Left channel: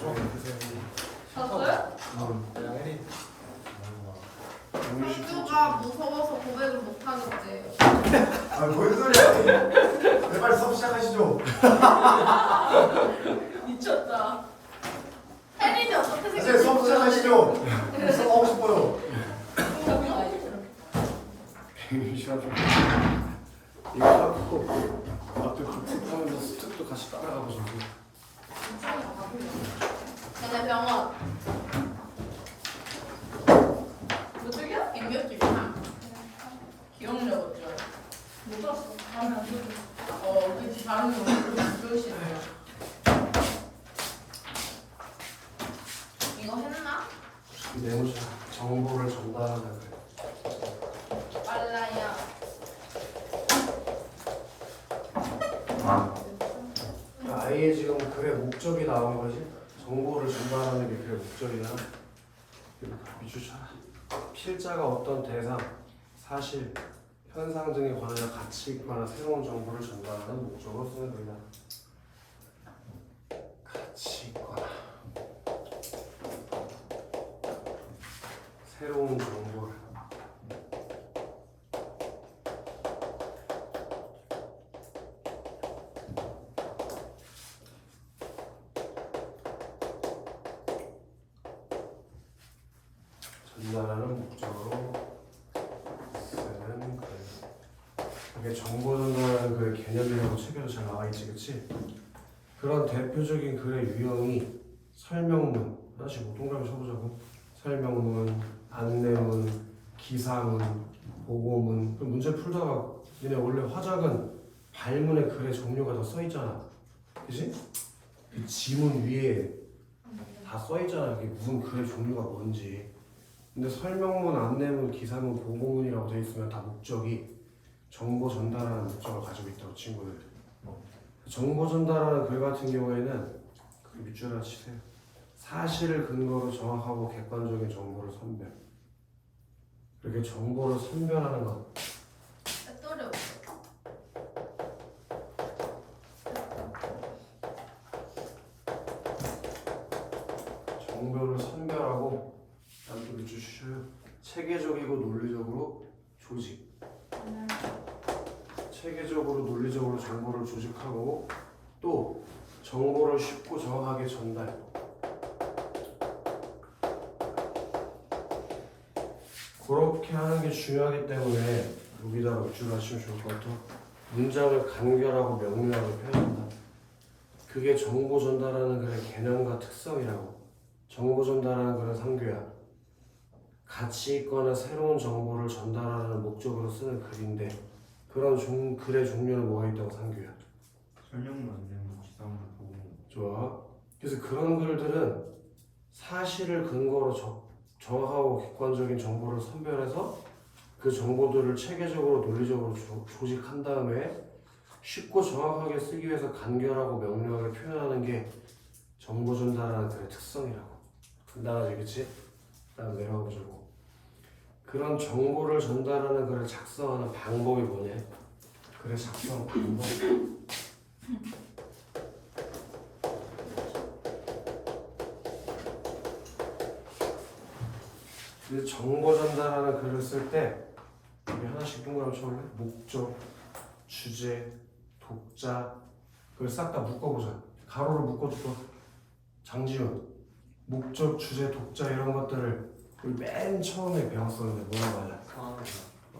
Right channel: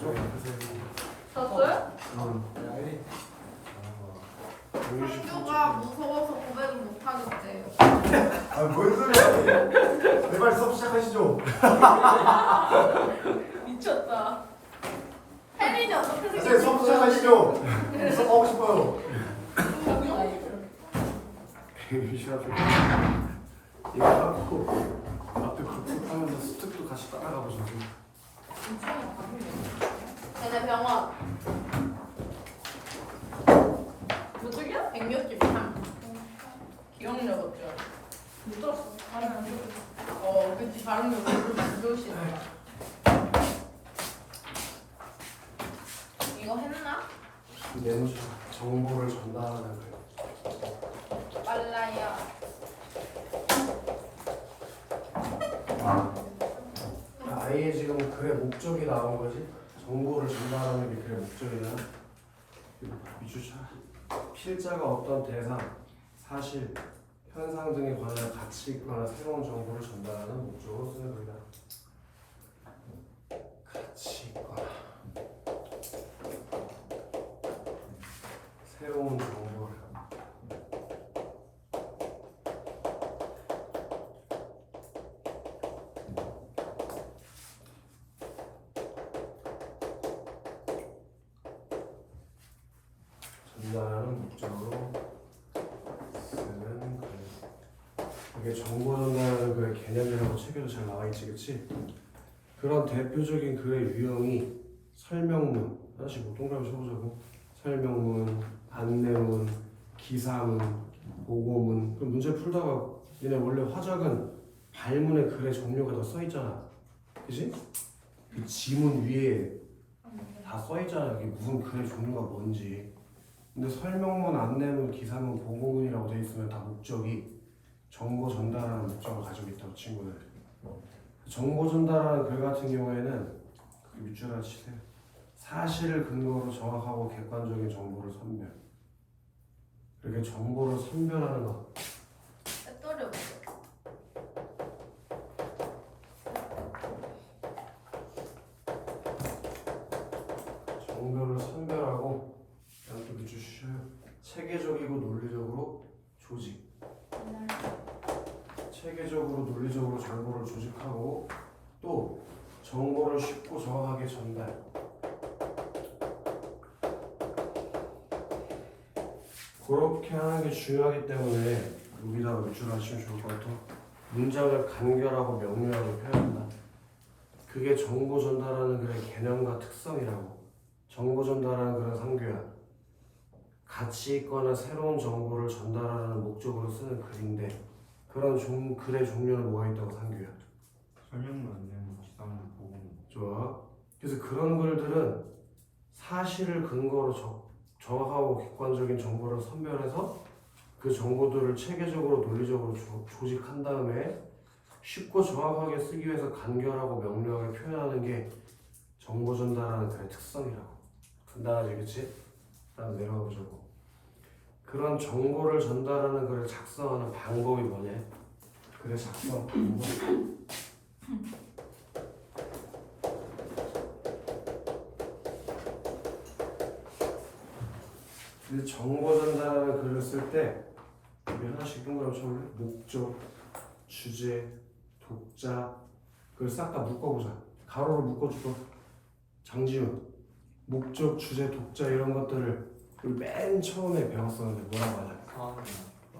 가시죠. 졌어요? 네. 형주가 무서워서 고백을 못하겠대. 뭔 소리야? 제발 수업 시작하시죠. 미쳤다. 혜린이 어떻게 이제 생각해? 수업 시작하시죠. 수업하고 싶어요. 이거 하고 앞에 복습하면서 스텝도 같이 따라가 보자고. 얘네 병원. 너 저기야? 백몇집 기억력 어쩌? 못 봤어. 다음에 안 돼. 그치. 다음에 오늘 교실. 이거 했나? 내 정보를 전달하는 빨라요. 아예 지금 글의 목적이 나온 거지. 정보를 전달하는 게 글의 목적이야. 미주차 필자가 어떤 대상, 사실, 현상 등에 관하여 가치 있거나 새로운 정보를 전달하는 목적으로 쓰는 글이다. 가치 있거나 새로운 정보를 전달하는 목적으로 쓰는 글. 이게 정보 전달하는 글의 개념이라고 책에도 잘 나와 있지, 그치? 그런 대표적인 글의 유형이 설명문, 하나씩 뭐 동그라미 쳐보자고. 설명문, 안내문, 기사문, 보고문. 그럼 문제 풀다가 얘네 원래 화작은 발문의 글의 종류가 다 써있잖아, 그치? 그 지문 위에 다 써있잖아, 그게 무슨 글의 종류가 뭔지. 근데 설명문, 안내문, 기사문, 보고문이라고 되어 있으면 다 목적이 정보 전달하는 목적을 가지고 있다고 친구들. 정보 전달하는 글 같은 경우에는 그 밑줄 하나 치세요. 사실을 근거로 정확하고 객관적인 정보를 선별. 이렇게 정보를 선별하는 것. 배터리 없어. 정보를 선별하고 그다음 또 밑줄 치셔요. 체계적이고 논리적으로 조직. 체계적으로 논리적으로 정보를 조직하고 또 정보를 쉽고 정확하게 전달. 그렇게 하는 게 중요하기 때문에 여기다가 밑줄 하시면 좋을 것 같아요. 문장을 간결하고 명료하게 표현한다. 그게 정보 전달하는 글의 개념과 특성이라고. 정보 전달하는 글은 상규야. 가치 있거나 새로운 정보를 전달하는 목적으로 쓰는 글인데 그런 글의 종류는 뭐가 있다고 상규야? 설명문, 안내문, 기사문, 보고문. 좋아. 그래서 그런 글들은 사실을 근거로 정확하고 객관적인 정보를 선별해서 그 정보들을 체계적으로 논리적으로 조직한 다음에 쉽고 정확하게 쓰기 위해서 간결하고 명료하게 표현하는 게 정보 전달하는 글의 특성이라고. 간단하지, 그치? 다음 내려가 보자고. 그런 정보를 전달하는 글을 작성하는 방법이 뭐냐? 글의 작성 방법. 그 정보 전달하는 글을 쓸 때 우리 하나씩 동그라미 쳐볼래? 목적, 주제, 독자 그걸 싹 다 묶어보자. 가로로 묶어주고. 장지훈 목적, 주제, 독자 이런 것들을 우리 맨 처음에 배웠었는데 뭐라고 하냐?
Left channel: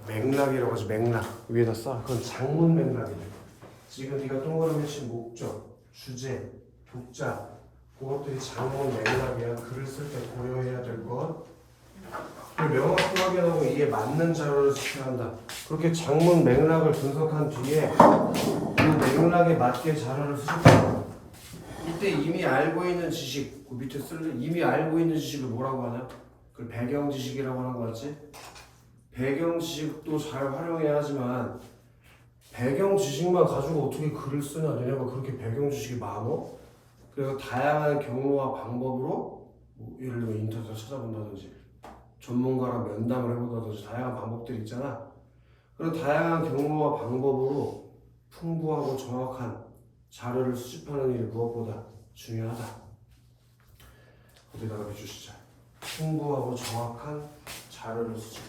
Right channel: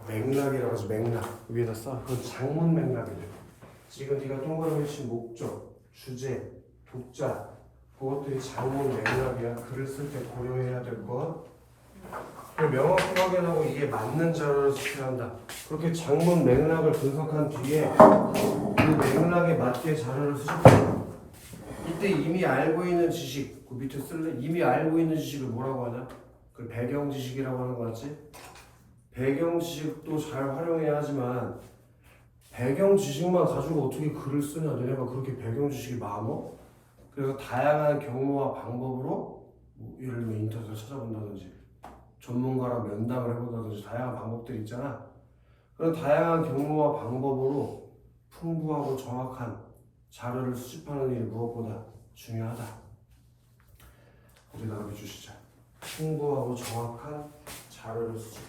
맥락이라고 하지. 맥락 위에다 써. 그건 장문 맥락이래. 지금 네가 동그라미 친 목적, 주제, 독자 그것들이 장문 맥락이야. 글을 쓸 때 고려해야 될 것. 그걸 명확히 확인하고 이게 맞는 자료를 수행한다. 그렇게 장문 맥락을 분석한 뒤에 그 맥락에 맞게 자료를 수집한다. 이때 이미 알고 있는 지식, 그 밑에 쓸래? 이미 알고 있는 지식을 뭐라고 하냐? 그걸 배경 지식이라고 하는 거 같지? 배경 지식도 잘 활용해야 하지만 배경 지식만 가지고 어떻게 글을 쓰냐? 너네가 그렇게 배경 지식이 많어? 그래서 다양한 경로와 방법으로 뭐 예를 들면 인터넷에서 찾아본다든지 전문가랑 면담을 해본다든지 다양한 방법들이 있잖아. 그런 다양한 경로와 방법으로 풍부하고 정확한 자료를 수집하는 일이 무엇보다 중요하다. 거기다가 비추시자. 풍부하고 정확한 자료를 수집.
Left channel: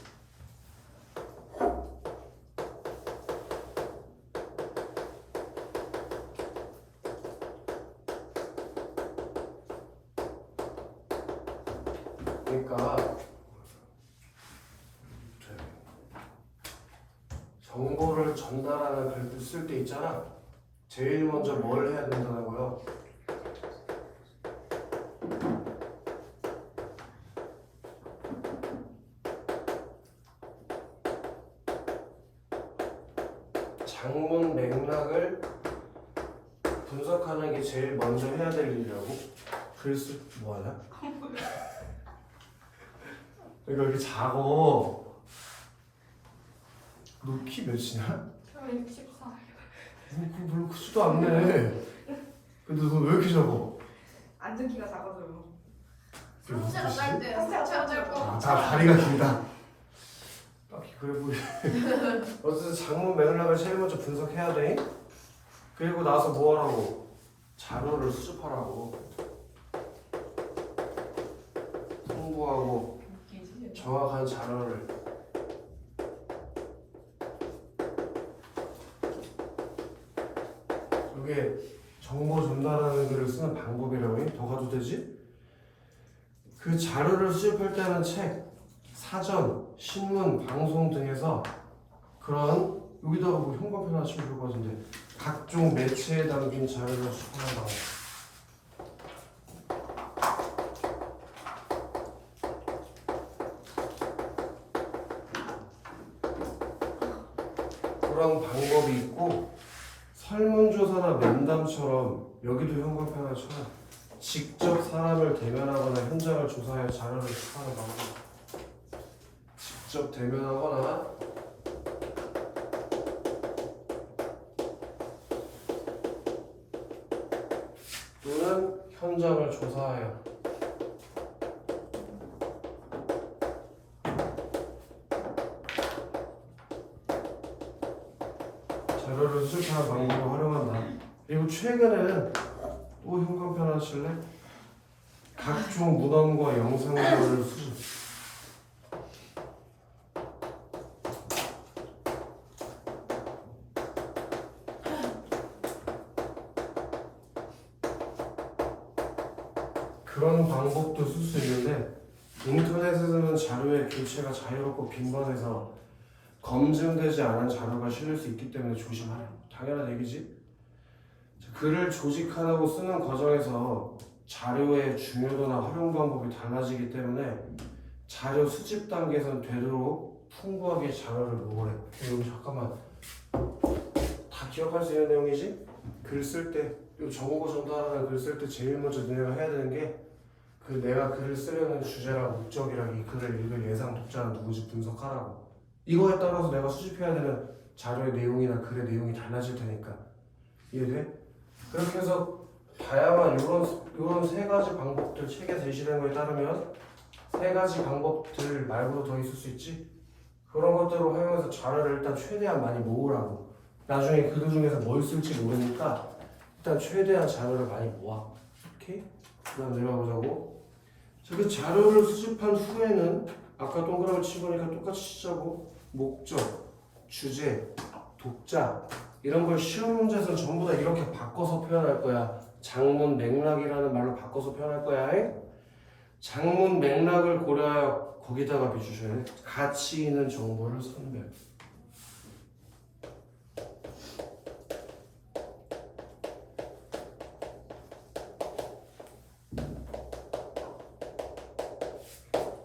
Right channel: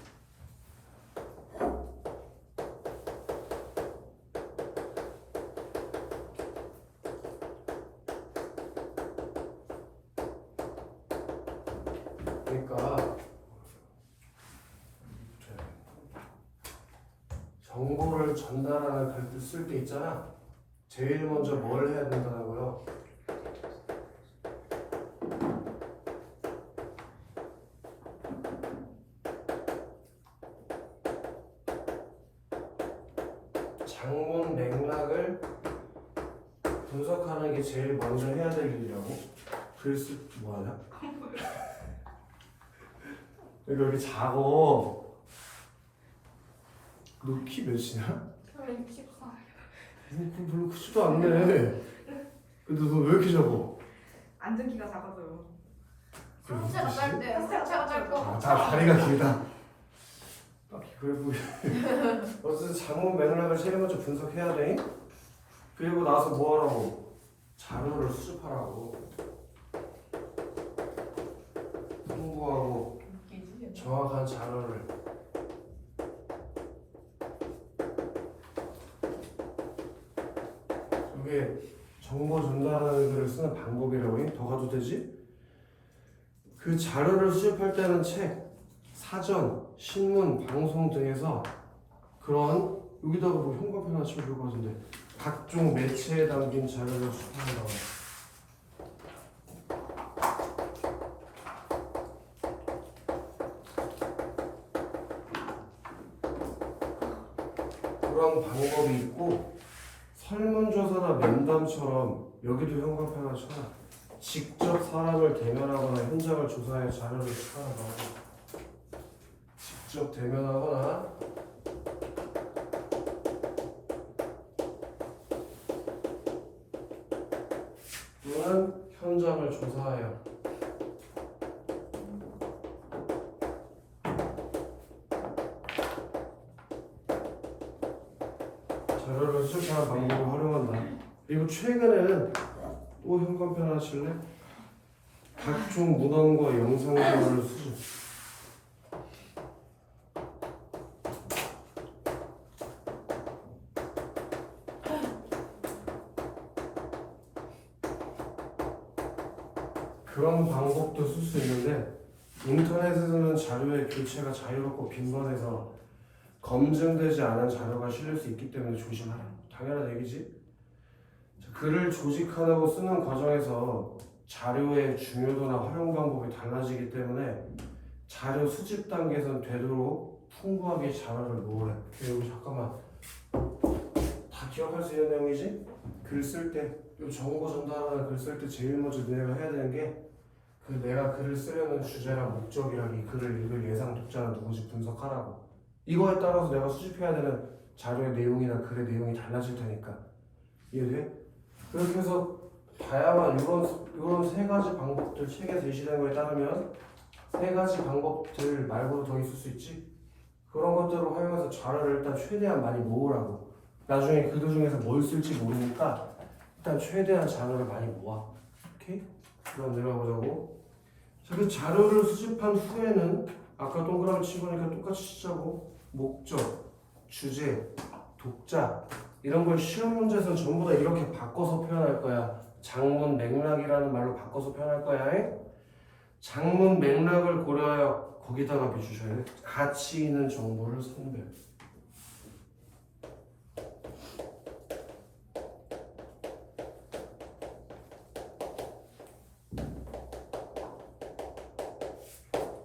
그러니까 정보를 전달하는 글을 쓸 때 있잖아. 제일 먼저 뭘 해야 된다는 거요? 장문 맥락을 분석하는 게 제일 먼저 해야 될 일이라고? 글 쓸 뭐하냐? 이거 이렇게 작어. 너 키 몇이냐? 저는 64. 별로 크지도 않네. 근데 너 왜 이렇게 작어? 앉은 키가 작아져요. 상체가 짧대. 상체가 짧고. 아, 다리가 길다. 딱히 그래 보이. 어쨌든 장문 맥락을 제일 먼저 분석해야 돼. 그리고 나서 뭐 하라고? 자료를 수집하라고. 풍부하고 웃기지. 정확한 자료를. 이게 정보 전달하는 글을 쓰는 방법이라고 더 가도 되지? 그 자료를 수집할 때는 책, 사전, 신문, 방송 등에서 그런 여기다가 뭐 형광펜 하나 치면 좋을 것 같은데 각종 매체에 담긴 자료를 수집한다고. 그런 방법이 있고 설문조사나 면담처럼 여기도 형광펜 하나 쳐놔. 직접 사람을 대면하거나 현장을 조사해 자료를 수집하는 방법. 직접 대면하거나 또는 현장을 조사하여 자료를 수집하는 방법을 활용한다. 그리고 최근에는 또 형광펜 하나 칠래? 각종 문헌과 영상 자료를 수집. 그런 방법도 쓸 수 있는데 인터넷에서는 자료의 교체가 자유롭고 빈번해서 검증되지 않은 자료가 실릴 수 있기 때문에 조심하라. 당연한 얘기지. 글을 조직하고 쓰는 과정에서 자료의 중요도나 활용 방법이 달라지기 때문에 자료 수집 단계에서는 되도록 풍부하게 자료를 모으래. 이거 잠깐만 다 기억할 수 있는 내용이지? 글 쓸 때, 정보 전달하는 글 쓸 때 제일 먼저 너네가 해야 되는 게 그 내가 글을 쓰려는 주제랑 목적이랑 이 글을 읽을 예상 독자는 누구지 분석하라고. 이거에 따라서 내가 수집해야 되는 자료의 내용이나 글의 내용이 달라질 테니까. 이해돼? 그렇게 해서 다양한 이런 세 가지 방법들 책에 제시된 거에 따르면 세 가지 방법들 말고도 더 있을 수 있지. 그런 것들을 활용해서 자료를 일단 최대한 많이 모으라고. 나중에 그들 중에서 뭘 쓸지 모르니까 일단 최대한 자료를 많이 모아. 오케이? 그럼 내려가보자고. 자, 그 자료를 수집한 후에는 아까 동그라미 치고니까 똑같이 치자고. 목적, 주제, 독자 이런 걸 시험 문제에서는 전부 다 이렇게 바꿔서 표현할 거야. 장문 맥락이라는 말로 바꿔서 표현할 거야. 장문 맥락을 고려하여 거기다가 비추셔야 돼. 가치 있는 정보를 선별.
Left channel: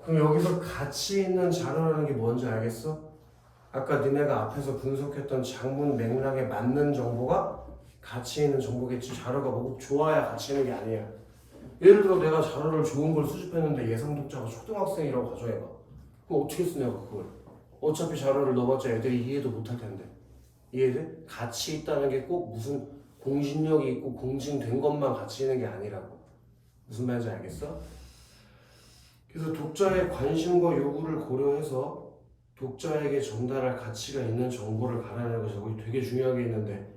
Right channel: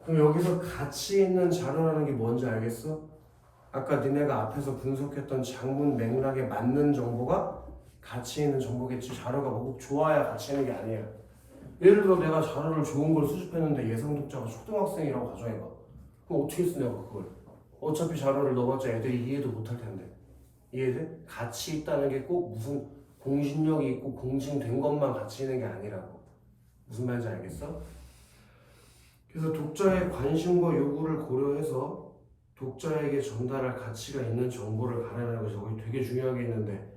그럼 여기서 가치 있는 자료라는 게 뭔지 알겠어? 아까 니네가 앞에서 분석했던 장문 맥락에 맞는 정보가 가치 있는 정보겠지. 자료가 뭐 좋아야 가치 있는 게 아니야. 예를 들어 내가 자료를 좋은 걸 수집했는데 예상 독자가 초등학생이라고 가정해봐. 그럼 어떻게 쓰냐고 그걸. 어차피 자료를 넣어봤자 애들이 이해도 못할 텐데. 이해돼? 가치 있다는 게 꼭 무슨 공신력이 있고 공증된 것만 가치 있는 게 아니라고. 무슨 말인지 알겠어? 그래서 독자의 관심과 요구를 고려해서 독자에게 전달할 가치가 있는 정보를 가려내는 것이 거기 되게 중요한 게 있는데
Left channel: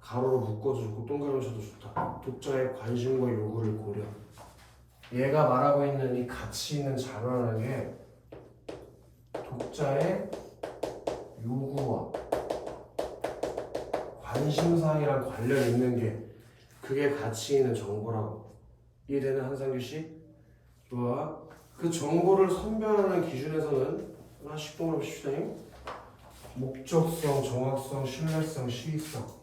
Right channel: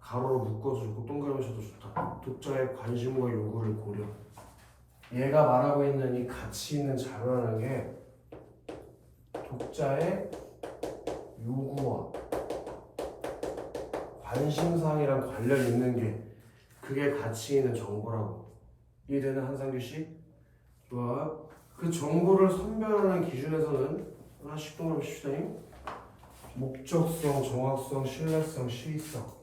가로로 묶어서 좋고 동그라미 쳐도 좋다. 독자의 관심과 요구를 고려. 얘가 말하고 있는 이 가치 있는 자료라는 게 독자의 요구와 관심사항이랑 관련 있는 게 그게 가치 있는 정보라고. 이해되는 한상규 씨? 좋아. 그 정보를 선별하는 기준에서는 하나씩 동그라미 칩시다. 목적성, 정확성, 신뢰성, 시의성.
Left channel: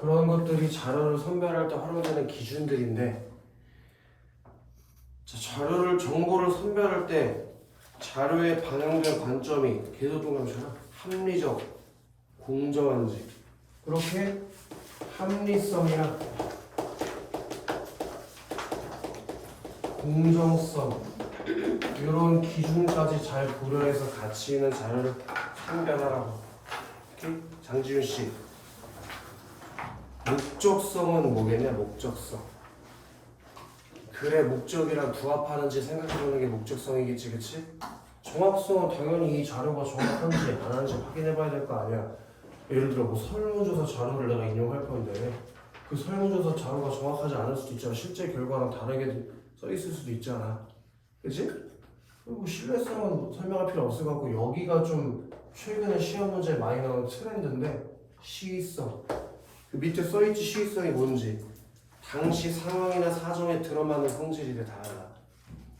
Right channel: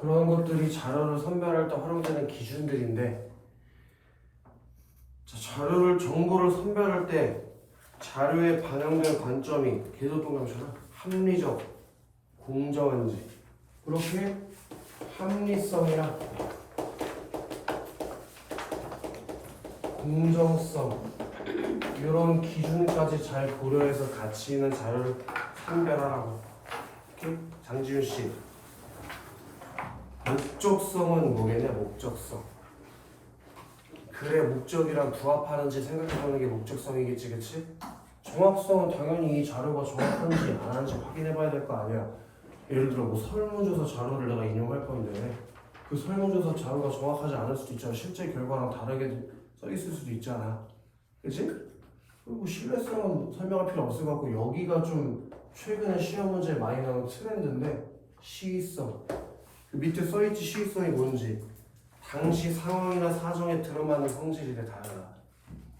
그런 것들이 자료를 선별할 때 활용되는 기준들인데, 자, 정보를 선별할 때 자료에 반영된 관점이 계속 동그라미처럼 합리적, 공정한지, 그렇게 합리성이랑 공정성 이런 기준까지 잘 고려해서 가치 있는 자료를 선별하라고. 오케이? 장지윤 씨. 목적성은 뭐겠냐? 목적성. 글의 목적이랑 부합하는지 생각해보는 게 목적성이겠지, 그치? 정확성은 당연히 이 자료가 정확한지 안 하는지 확인해봐야 될 거 아니야. 예를 들어 뭐 설문조사 자료를 내가 인용할 건데 그 설문조사 자료가 정확하지 않을 수도 있잖아. 실제 결과랑 다르게 써 있을 수도 있잖아, 그치? 그리고 신뢰성은 설명할 필요 없을 것 같고, 여기가 좀 최근에 시험 문제에 많이 나오는 트렌드인데, 시의성. 그 밑에 써있지. 시의성이 뭔지. 당시 상황이나 사정에 들어맞는 성질이 달라.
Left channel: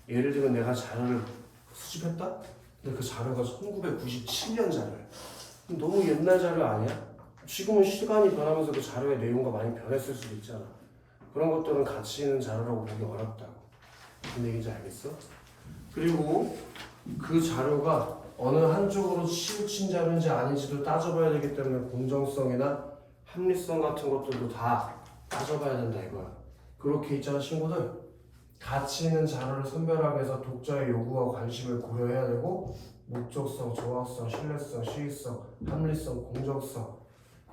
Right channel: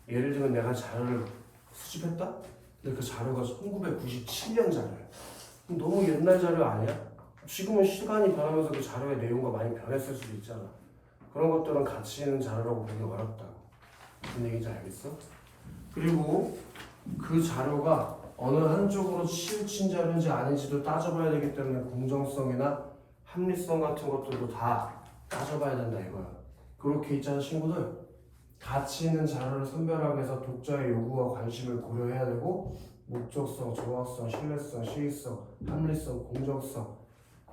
예를 들면 내가 자료를 수집했다? 근데 그 자료가 1997년 자료야. 너무 옛날 자료 아니야? 지금은 시간이 변하면서 그 자료의 내용과 많이 변했을 수도 있잖아. 그런 것들은 가치 있는 자료라고 보기 어렵다고. 무슨 얘기인지 알겠어? 그리고 그 자료가 어느 한쪽으로 치우친 자료인지 아닌지도 따져봐야 되기 때문에 공정성이나 합리성 같은 것들도 다 따져봐야 된다 이거야. 그렇게 있잖아 친구들. 가치 있는 자료를 선별하기 위해서 독자의 요구와 관심을 고려해야 되고, 목적성, 정확성, 신뢰성, 시의성, 합리성, 공정성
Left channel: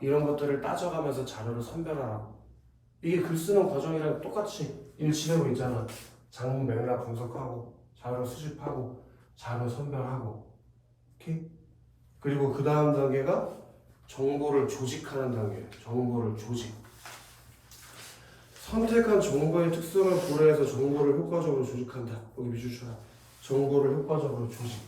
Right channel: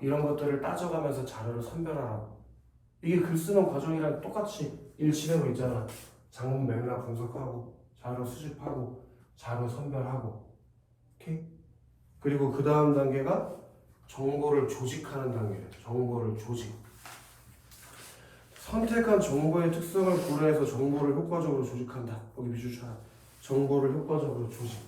이런 것들을 따져가면서 자료를 선별하라고. 이게 글 쓰는 과정이랑 똑같이 일치되고 있잖아. 장문 맥락 분석하고, 자료 수집하고, 자료 선별하고. 오케이? 그리고 그 다음 단계가 정보를 조직하는 단계예요. 정보를 조직. 선택한 정보의 특성을 고려해서 정보를 효과적으로 조직한다. 여기 비주처럼 정보를 효과적으로 조직.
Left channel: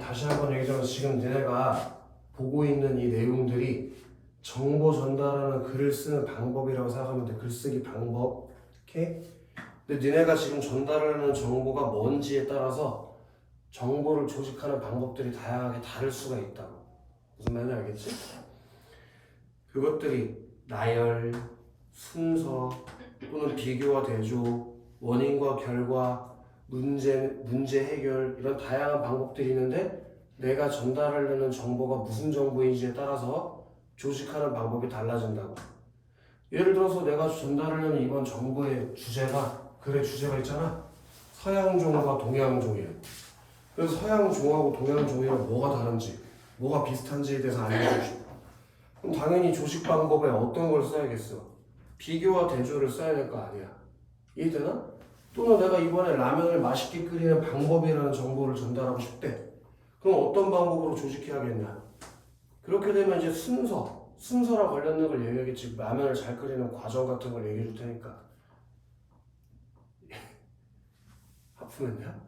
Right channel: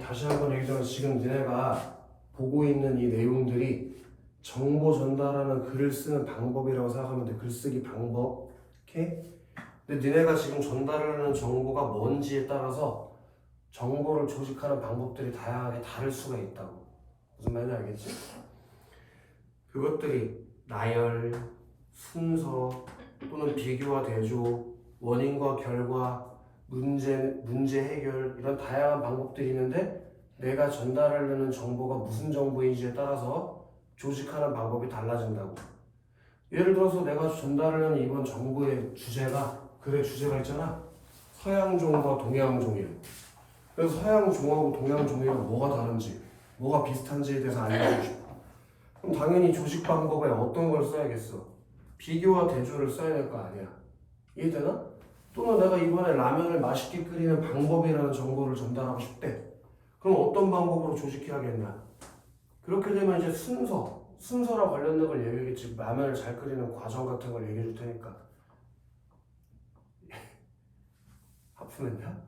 다시 한번 얘기하자면 지금 너네가 보고 있는 이 내용들이 정보 전달하는 글을 쓰는 방법이라고 생각하면 돼. 글쓰기 방법. 오케이? 근데 너네가 지금 전달하는 정보가 뭔지에 따라서 정보를 조직하는 방법들이 다양하게 다를 수가 있다고. 무슨 말인지 알겠지? 그것들이 나열, 순서 또는 비교와 대조, 원인과 결과, 문제 해결 이런 다양한 방법들이 있는데, 내가 전달하려는 정보가 무슨 정보인지에 따라서 조직하는 방법이 달라진다고. 예를 들어서 내가 전달하려는 이번 정보의 주제가, 글의 주제가 있잖아. 서양종과 동양종이래. 그래서 서양종하고 동양종이랑 뭐가 다른지, 뭐가 비슷한지에 대해서 알려주고 싶어. 그럼 당연히 조직 방법에 어떤 걸 써야겠어? 비교와 대조를 써야 될 거 아니야. 이해되나? 또는 내가 이번에 라면을 맛있게 끓이는 방법이라는 정보를 전달하고 싶대. 그럼 어떤 방법으로 조직해야겠냐? 그렇게 되면 이제 순서랑 관련된 걸 얘기하겠지. 라면을 잘 끓이는 과정 같은 걸 얘기해 줄 테니까. 하품했냐?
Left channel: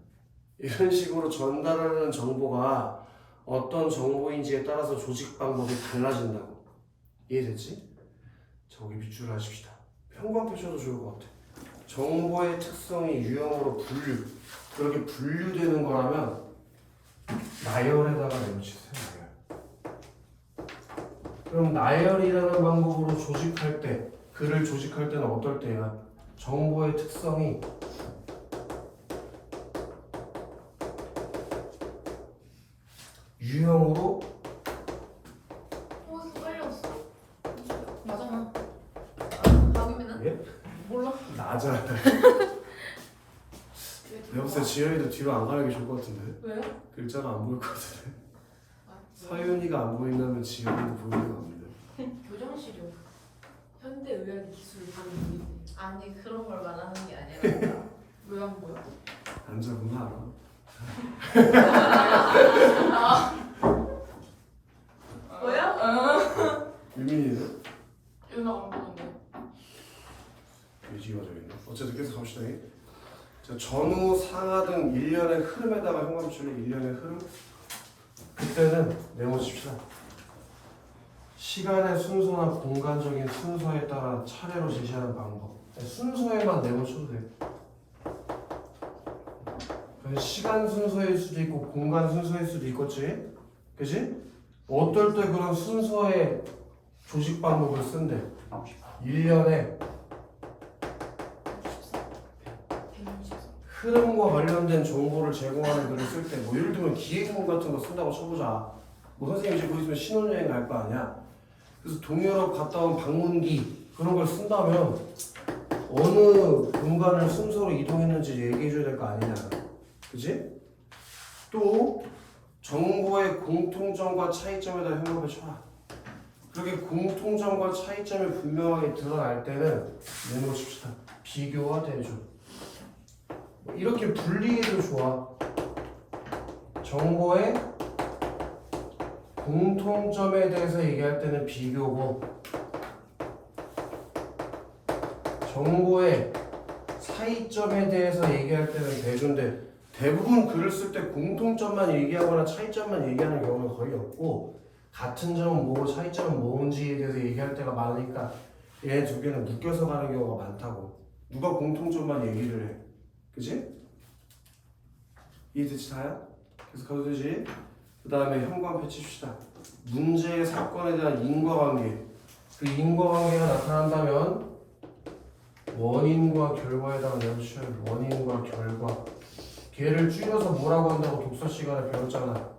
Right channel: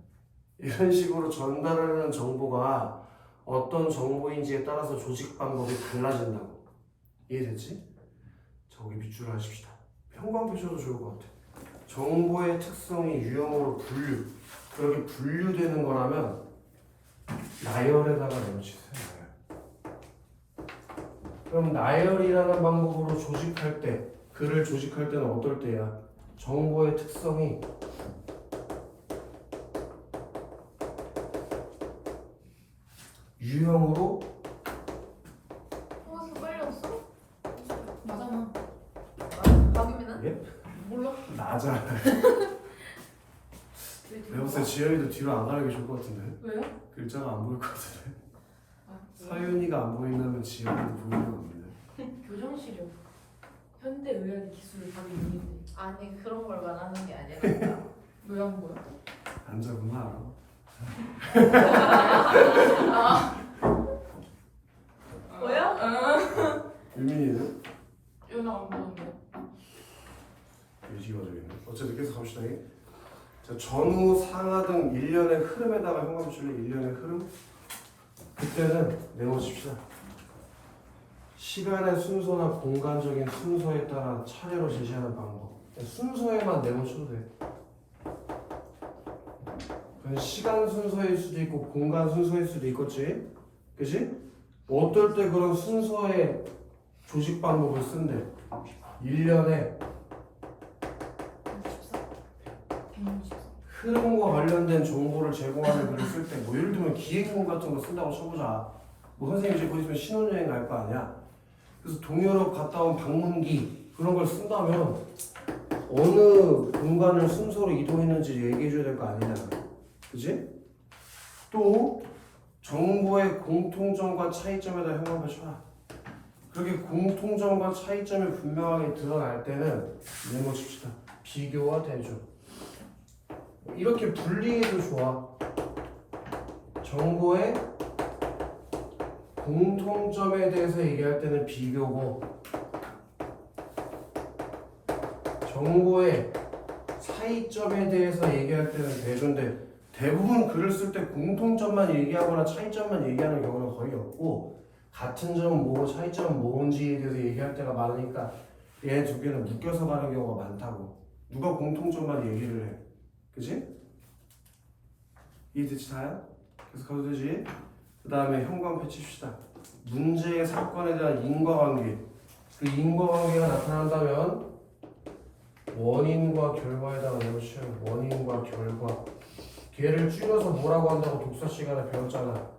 이런 식으로 전달하는 정보가 어떤 정보인지에 따라서 조직 방법이 달라진다고. 이해됐지? 자, 거기 밑줄을 하십시다. 형광펜 쳐도 좋을 것 같아. 정보의 특성이 유형으로 그렇게 분류되는 거라면 나열에다가 내놓으세요. 그럼 나열이라는 방법으로 조직할 때, 글을 조직할 때는 어떨 때야? 정보의 특성이 유형으로 끌렸어? 맞아. 박입니다. 예? 몰라. 나잖아. 내가 봤을 때 지연이도 뒤로 안 가는 게 좋을 것 같은데. 왜요? 글자가 안 보일 것 같은데. 아, 사윤이가 안 보인다면 지연이도 보일 리가 없는데. 교정시력 현대의학의 기술이 바로 여기인데 아니 그런 걸 말하는 게 아니라 왜 안 보여? 남자구나 알아. 뭐야? 유민이는? 연락 안 보는데 유지가 저기 있네. 어쨌든 계속 갑시다. 자, 전후 상하 등 일련의 흐름에다가 현관 줄래 일련의 흐름. 그때는 메모칩시다. 시간의 순서나 공간적인 순서에 따라 차례로 제시하는 방법. 순서에만 메모쳐도 돼. 그건 시간 순서일 수도 있고 공간 순서일 수도 있겠지? 그치? 어떨 때 그런 순서의 조직 방법을 쓴대. 일련의 흐름과 관련된 정보를 제공하는 글을 쓸 때, 뭐 예를 들면 기획문 같은 거 쓴다고 쳐보자. 뭐 선생님이 이제 곧 있으면 신혼여행 갈 거 아니야. 그래서 동유럽 갔다 온 방문기 그런 걸 쓴다면 어느 공간을 순서로 이동했는지 얘기해줘야 될 거 아니냐. 그지? 또 정보의 공통점과 차이점에 대한 현황을 쳐라. 그렇게 공통점과 차이점이 분명하게 드러날 때는 메모 칩시다. 비교가 되죠. 이렇게 분리해도 좋아. 정보의 공통점에 대해서 얘기할 때는 비교고 정보의 차이점에 대해서 얘기할 때는 대조인데 대부분 글을 쓸 때 공통점만 얘기하거나 차이점만 얘기하는 경우는 거의 없고 같은 점은 뭐고 차이점은 뭔지에 대해서 얘기할 때가 많으니까 얘 두 개는 묶여서 가는 경우가 많다고. 누가 공통점만 얘기를 해. 그치? 이해되지 다야? 계속 가도 되지? 그 다음에 현관 펼칩시다. 문제의 사건에 대한 인과관계. 그 인과관계가 나타난다면 원인과 결과에다가 내놓으셔요. 원인과 결과. 걔를 줄여서 뭐라고 한다고 독서 시간에 배웠잖아.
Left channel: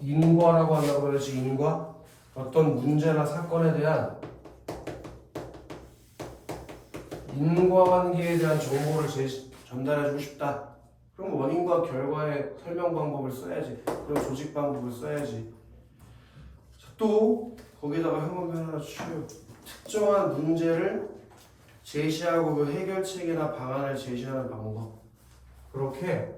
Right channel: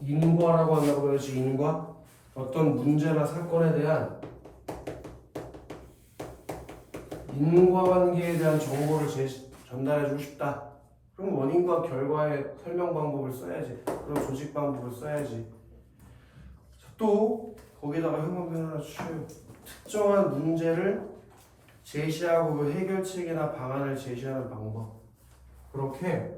인과라고 한다고 그랬지. 인과. 어떤 문제나 사건에 대한 인과관계에 대한 정보를 전달해주고 싶다. 그럼 원인과 결과의 설명 방법을 써야지. 그럼 조직 방법을 써야지. 또 거기다가 현관변 하나 주셔요. 특정한 문제를 제시하고 그 해결책이나 방안을 제시하는 방법. 그렇게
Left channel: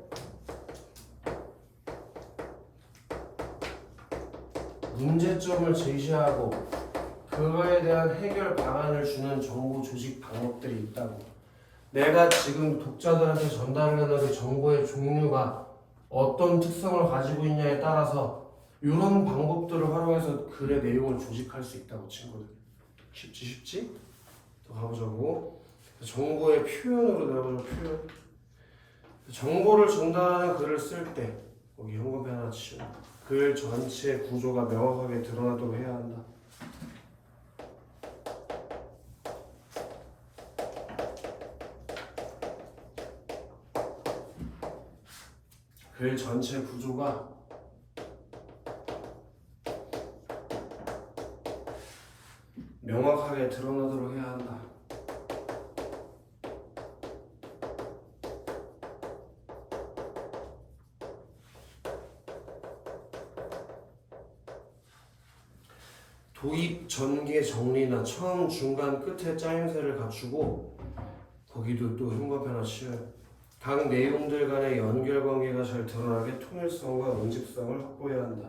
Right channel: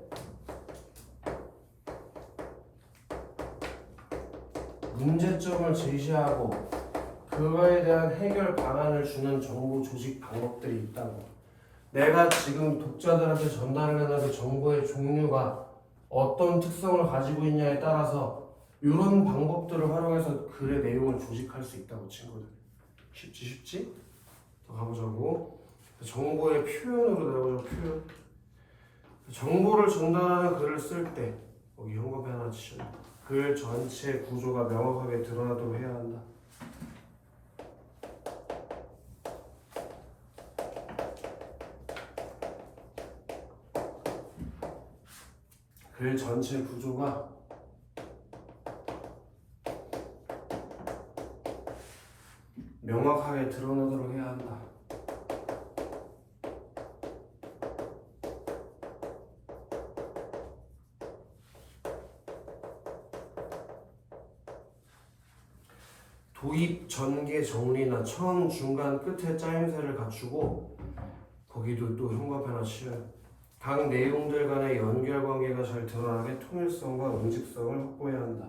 문제점을 제시하고 그거에 대한 해결 방안을 주는 정보 조직 방법들이 있다고. 내가 지금 독자들한테 전달하는 정보의 종류가 어떤 특성을 가지고 있냐에 따라서 이런 방법들을 활용해서 글의 내용을 조직할 수 있다고 친구들. 쉽지? 더 가보자고. 정보의 표현으로 내보자. 표현. 정보를 전달하는 글을 쓸 때 거기 현관에 하나 치워. 글 전체 구조가 명확하게 드러나도록 해야 한다. 글 전체 구조가 명확하게 드러나도록 해야 한다. 도입, 전개, 정리나 처음, 중간, 끝에 짜임새를 갖추고 거기도 또 현관에 하나 씌워요. 각 내용들 간의 연결관계가 잘 드러나게 통일성과 응집성을 확보해야 한다.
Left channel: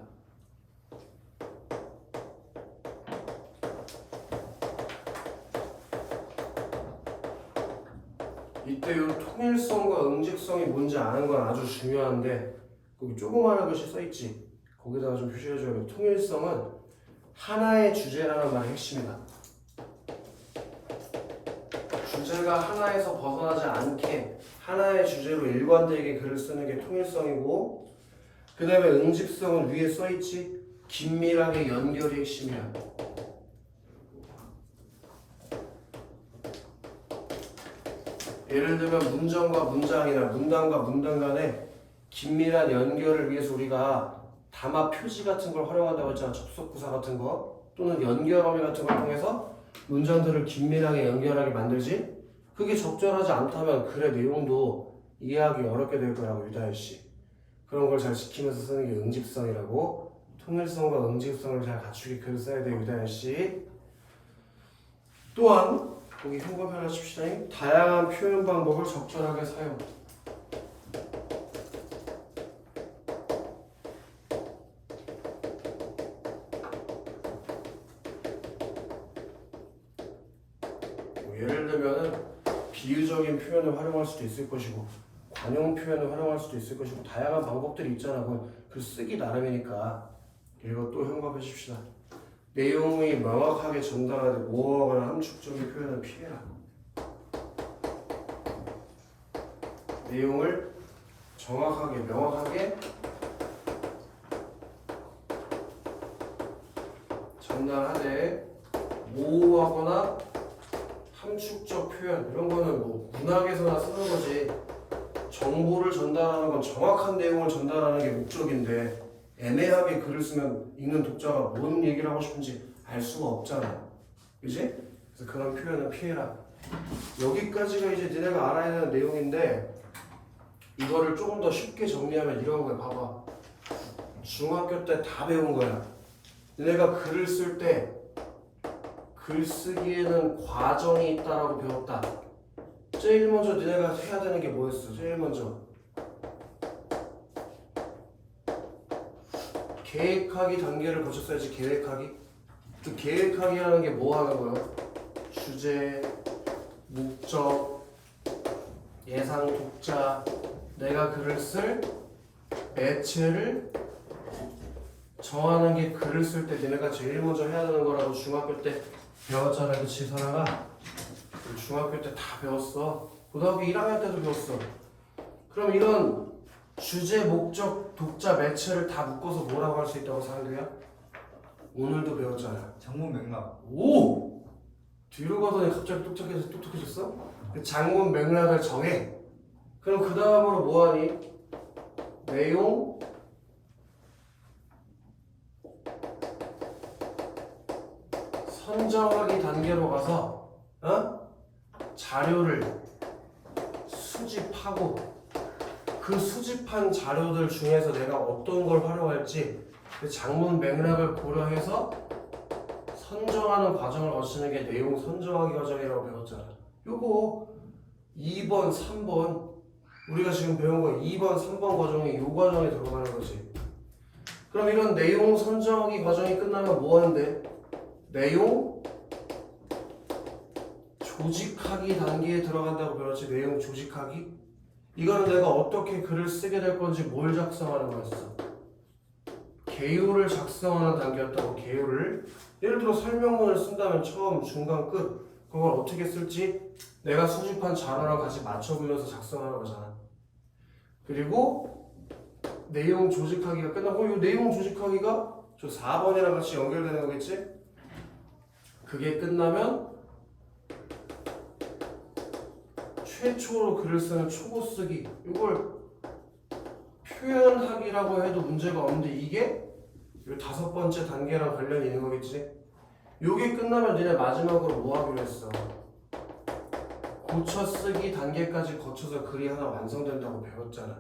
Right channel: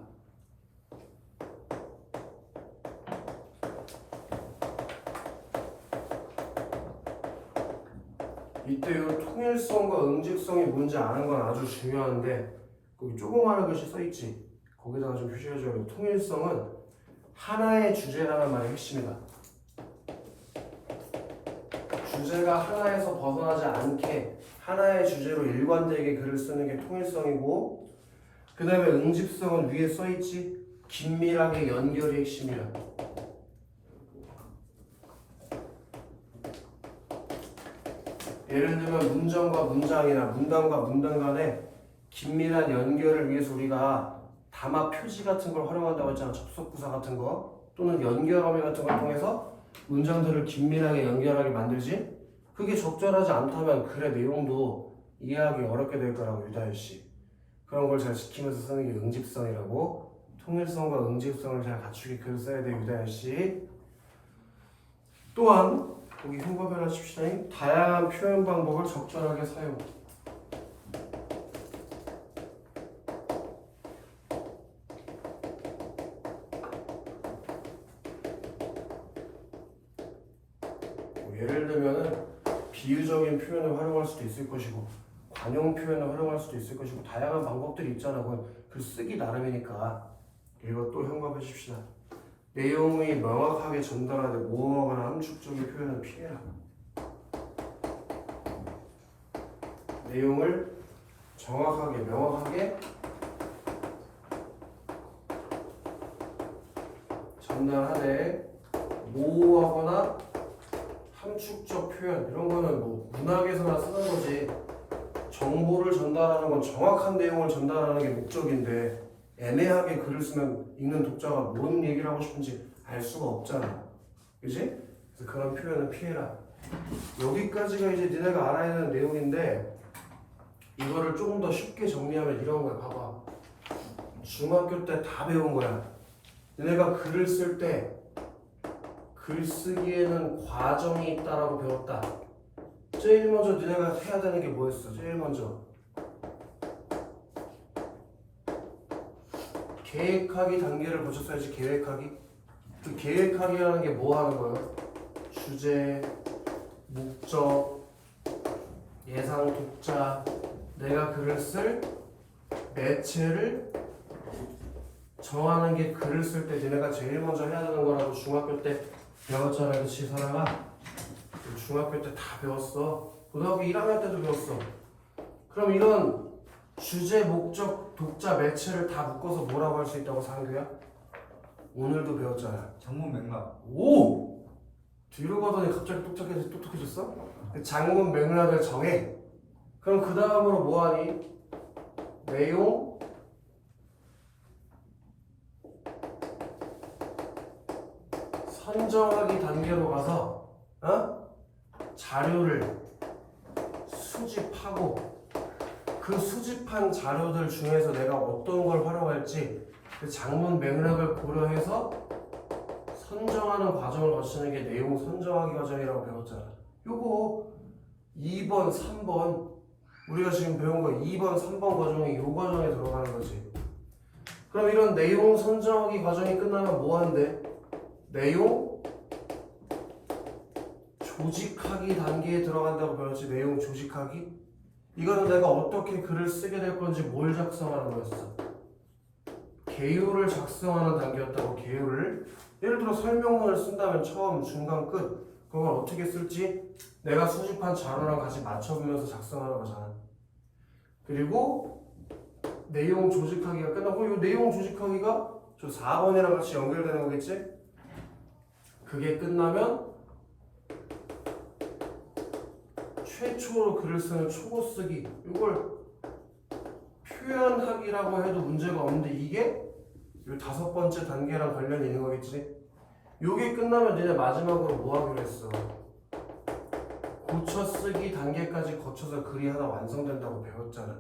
이때 이 통일성과 응집성이 뭔지 아는 건 아주 중요한데 거기 조그마한 글씨 써있지? 거기다가 좀 표시해줘야 돼. 통일성은 하나의 주제라는 말이 핵심이다. 주제가 하나에서 벗어나지 않게 하나의 주제로 일관되게 글을 쓰는 게 통일성이고, 그 다음에 응집성은 위에 써있지? 긴밀하게 연결이 핵심이야. 예를 들면 문장과 문장이나 문단과 문단 간의 긴밀한 연결을 위해서 우리가 담화 표지 같은 걸 활용한다고 했잖아. 접속부사 같은 거 또는 연결어미 같은 걸 통해서 문장들을 긴밀하게 연결하게 만들지. 그게 적절하지 않다면 글의 내용도 이해하기 어렵게 될 거라고. 유다현씨 그런 걸 잘 지키면서 쓰는 게 응집성이라고. 통일성과 응집성을 잘 갖추게 글을 써야 돼. 유다현씨 또한 여기 흉과변화십시다. 다양한 표현 방법을 적절하게 사용. 예를 들면은 비유적인 표현을 활용할 수도 있을 것이고 관용 표현을 활용할 수도 있을 것이고 다양한 방법들이 있잖아. 그 쓰기 나름이니까 이거 또 흉과하십시다. 내용이 명확하게 전달하되 모호하거나 함축적인 표현은 피해라. 내용을 정확하게 명확하게 전달하되 모호하거나 함축적 표현 이런 거는 뭐 문학에서나 쓰는 거지. 정보를 전달하는 건 정확한 내용을 전달하는 게 목적인데 애매하게 글을 쓰면 읽는 독자가 뭔 얘기를 하고 싶은지 알 수가 없잖아. 그지? 그래서 그런 표현은 피해라. 여기까지가 이제 니네가 알아야 되는 내용인데 이거를 조금 더 쉽게 정리하면 이런 거야. 봐봐. 중학교 때 다 배운 거야. 니네가 글을 쓸 때 글쓰기에는 과정이 있다라고 배웠다. 제일 먼저 니네가 해야 되는 게 뭐였어? 제일 먼저 계획하기 단계를 거쳤어야지. 계획하기. 그 계획하기라는 게 뭐 하는 거예요? 주제, 목적, 예상 독자, 내가 글을 쓸 매체를 정하는 게 글을 쓸 때 니네가 제일 먼저 해야 되는 거라고 중학교 때 배웠잖아. 그치 사랑아? 중학교 때 다 배웠어. 고등학교 1학년 때도 배웠어. 그럼 이런 주제, 목적, 독자, 매체를 다 묶어서 뭐라고 할 수 있다고 상규야? 오늘도 배웠잖아. 장문 맥락. 오! 뒤로 가더니 갑자기 똑똑해졌어? 장문 맥락을 정해. 그럼 그 다음으로 뭐하니? 내용, 선정하기 단계로 가서 자료를 수집하고 그 수집한 자료들 중에서 내가 어떤 걸 활용할지 그 장문 맥락을 고려해서 선정하는 과정을 거치는 게 내용 선정하기 과정이라고 배웠잖아. 요거 2번, 3번 우리가 지금 배운 거 2번, 3번 과정이 요 과정에 들어가는 거지. 그럼 이런 내용 선정하기 과정이 끝나면 뭐 하는데? 내용 조직하기 단계에 들어간다고 배웠지. 내용 조직하기. 이거는 내가 어떻게 글을 쓰게 될 건지 뭘 작성하는 거였어? 개요를 작성하는 단계였다고. 개요를. 예를 들어 설명문을 쓴다면 처음, 중간, 끝 그걸 어떻게 쓸지 내가 수집한 자료랑 같이 맞춰보면서 작성하는 거잖아. 그리고 내용 조직하기가 끝나고 이 내용 조직하기가 저 4번이랑 같이 연결되는 거겠지? 그게 끝나면 최초로 글을 쓰는 초고 쓰기. 이걸 표현하기라고 해도 문제가 없는데 이게 이 5번째 단계랑 관련이 있는 거겠지? 요게 끝나면 니네 마지막으로 뭐 하기로 했어? 고쳐 쓰기 단계까지 거쳐서 글이 하나 완성된다고 배웠잖아.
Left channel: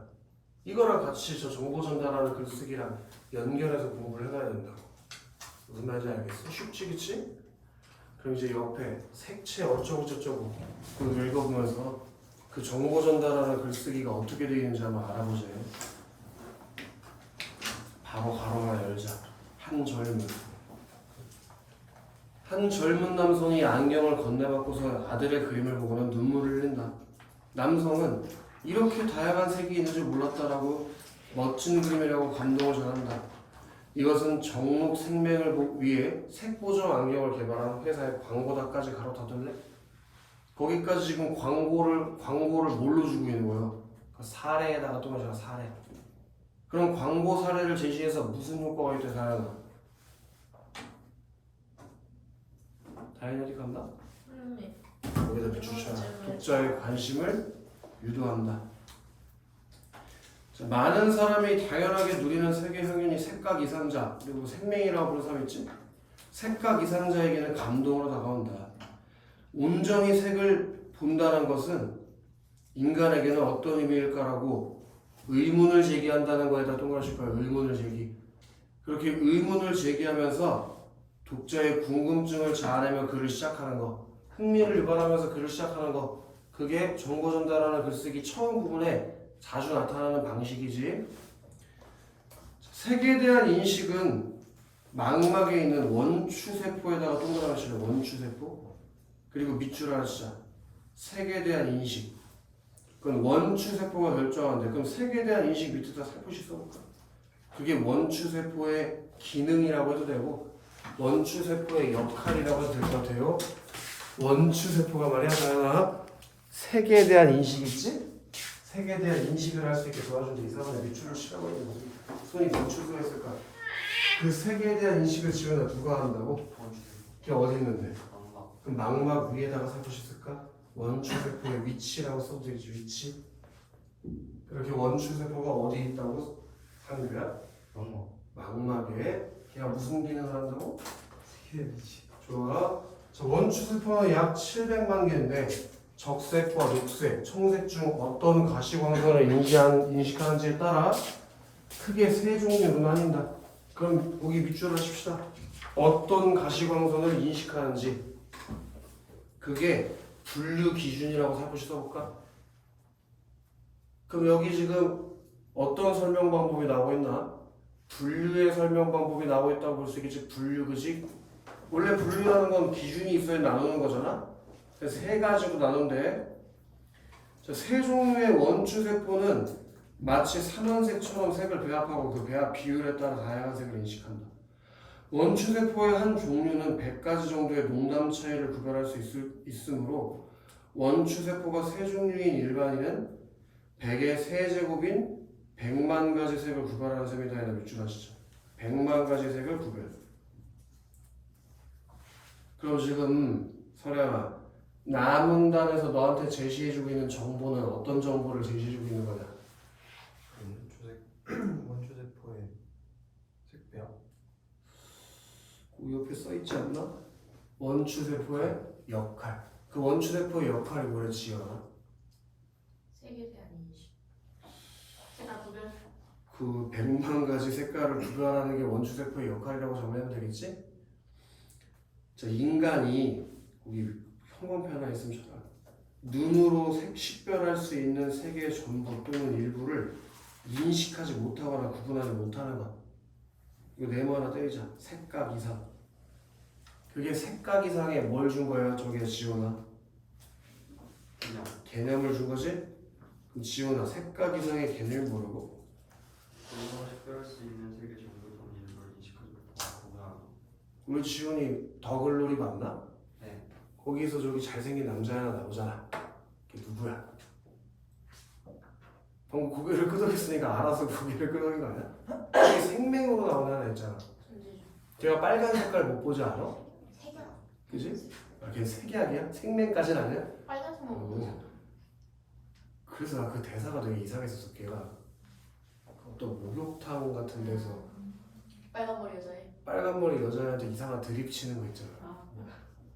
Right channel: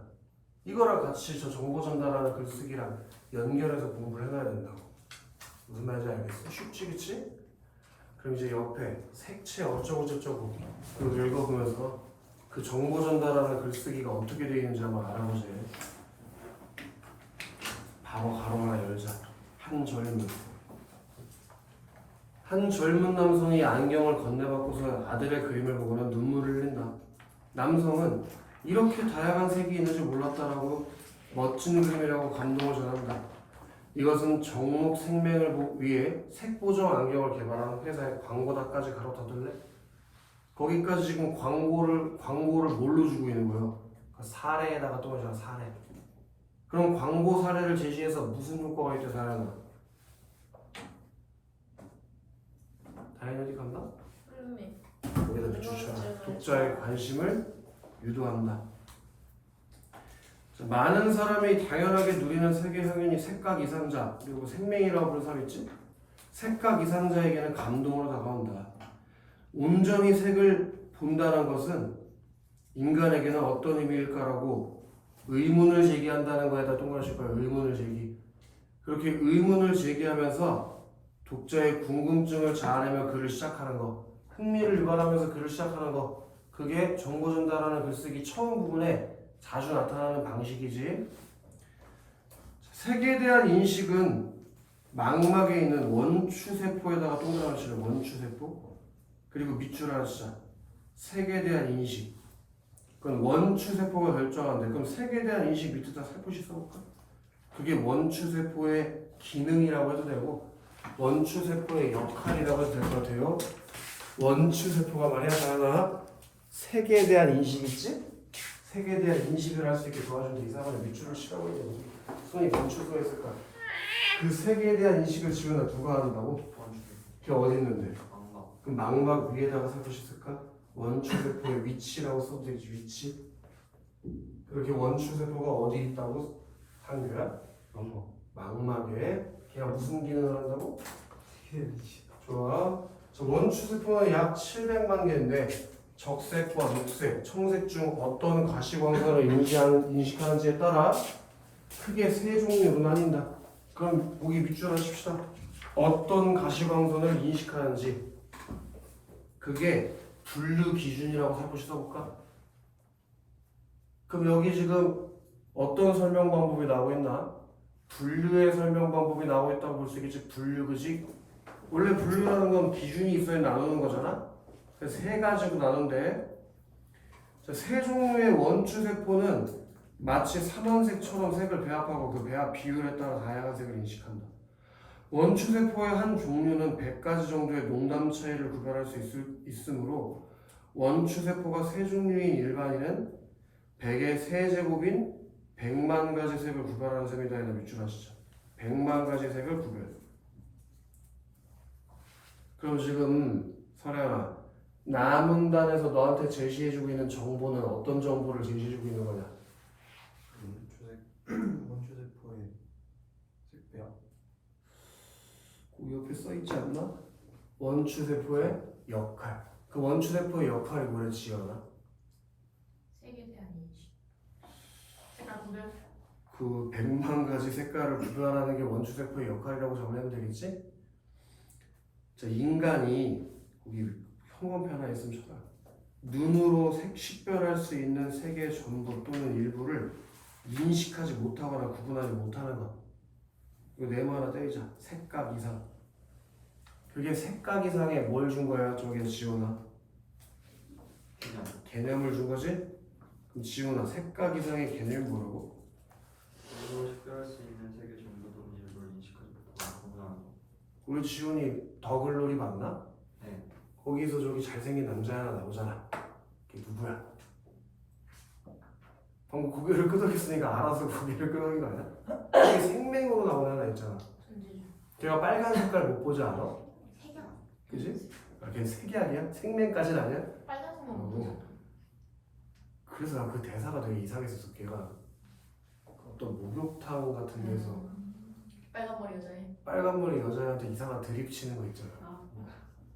이거랑 같이 저 정보 전달하는 글쓰기랑 연결해서 공부를 해놔야 된다고. 무슨 말인지 알겠어? 쉽지 그치? 그럼 이제 옆에 색채 어쩌고 저쩌고 그거 읽어보면서 그 정보 전달하는 글쓰기가 어떻게 되어 있는지 한번 알아보세요. 바로 가로나 열자. 한 젊은 남성이 안경을 건네받고서 아들의 그림을 보고는 눈물을 흘린다. 남성은 이렇게 다양한 색이 있는 줄 몰랐다라고 멋진 그림이라고 감동을 전한다. 이것은 정록 생명을 위해 색보정 안경을 개발한 회사의 광고다까지 가로 닫을래? 거기까지 지금 광고를 뭘로 주고 있는 거예요? 사례에다가 또 마시라 사례. 그럼 광고 사례를 제시해서 무슨 효과가 있대 사례는? 다인 어디 갔나? 여기다 비추쳐라. 독자의 관심을 유도한다. 자, 많은 사람이 당연하게 누리는 세계 형연이 색각 이상자 그리고 생명이라고 부르는 사람 있지? 색각 이상자에게는 감동으로 다가온다. 온전히 색을 본다는 것은 인간에게는 어떤 의미일까라고 의문을 제기한다는 거에다 동그라미 칠 거예요. 의문을 제기. 그렇게 의문을 제기하면서 독자의 궁금증을 자아내며 글을 시작하는 거. 흥미를 유발하면서 글을 시작하는 거. 그게 정보 전달하는 글쓰기 처음 부분에 자주 나타나는 방식이지. 색에 대한 인식은 망막에 있는 원추세포에다가 동그라미 칠래. 원추세포. 그리고 밑줄 하나 치자. 색에 대한 인식. 그건 원추세포가 결정한대. 그럼 색에 대한 인식 밑에다 살포시 써볼까? 그게 원추세포의 기능이라고 해도 되고 원추세포의 역할이라고 해도 될 것 같아요. 원추세포가 말이야 하나 색에 대한 인식 있지? 색에 대한 인식을 할 수 있게 도와주는데 이상하네. 밑줄을 치라고 했는데 손이 원추가 있을 거야. 그 색에 대한 인식을 지금 누가 한다고? 그게 어디 있는데? 그럼 망막 위에다가 살포시 쓸까? 원추세포의 위치라고 써도 되지. 위치. 이렇게 원추세포가 어디 있다고? 상규야? 망막에. 걔가 무슨 기능을 한다고? 좋아. 저 원추세포는 약 700만 개인데 적색과 녹색, 청색 중 어떤 가시광선을 인식하는지에 따라 크게 세 종류로 나뉜다. 그럼 여기 밑줄 하십시다. 어떤 가시광선을 인식하는지 그게 분류 기준이라고 살포시 써볼까? 그럼 여기 지금 어떤 설명 방법이 나오고 있나? 분류의 설명 방법이 나오고 있다고 볼 수 있겠지. 분류, 그지? 원래 분류라는 건 기준이 있어야 나누는 거잖아. 그래서 세 가지로 나눈대. 자, 세 종류의 원추세포는 마치 삼원색처럼 색을 배합하고 그 배합 비율에 따라 다양한 색을 인식한다. 원추세포의 한 종류는 100가지 정도의 농담 차이를 구별할 수 있으므로 원추세포가 세 종류인 일반인은 100의 세제곱인 100만 가지 색을 구별하는 셈이다. 이나 밑줄 하시죠. 100만 가지 색을 구별. 그럼 지금 설현아, 나문단에서 너한테 제시해주고 있는 정보는 어떤 정보를 제시해주고 있는 거냐? 원추세포의 색배합. 그 옆에 써있지 않나? 원추세포의 역할. 그 원추세포의 역할이 뭐래 지연아? 색에 대한 인식. 색깔 구별. 그 100만 가지 색깔을 구별하는 게 원추세포의 역할이라고 정리하면 되겠지? 자, 인간이 여기 형광펜 하나 있으면 쳐봐. 눈으로 식별할 수 있는 색의 전부 또는 일부를 인식하지 못하거나 구분하지 못하는 것. 이거 네모 하나 떼자. 색각 이상. 그게 색각 이상에 뭘 준 거야? 저게 지훈아. 개념을 준 거지? 그럼 지훈아, 색각 이상의 개념이 뭐라고? 눈으로 식별할 수 있는 색의 전부 또는 일부를 인식하지 못하고 구분하는 것. 우리 지훈이 더글로리 맞나? 네. 거기서 저기 잘생긴 남자 하나 나오잖아. 그게 누구야? 방금 고개를 끄덕였으니까 알아서 고개를 끄덕인 거 아니야? 그게 생맹으로 나오는 하나 있잖아. 전제주. 걔가 빨간 색깔 못 보지 않아? 색약. 그지? 아, 걔 색약이야? 생맹까지는 아니야? 빨간색만 어. 보고. 그래서 난 그 대사가 되게 이상했었어. 걔가 어떤 목욕탕 같은 데서 빨간 머리 여자애. 빨간 머리 여자한테 이상한 드립 치는 거 있잖아.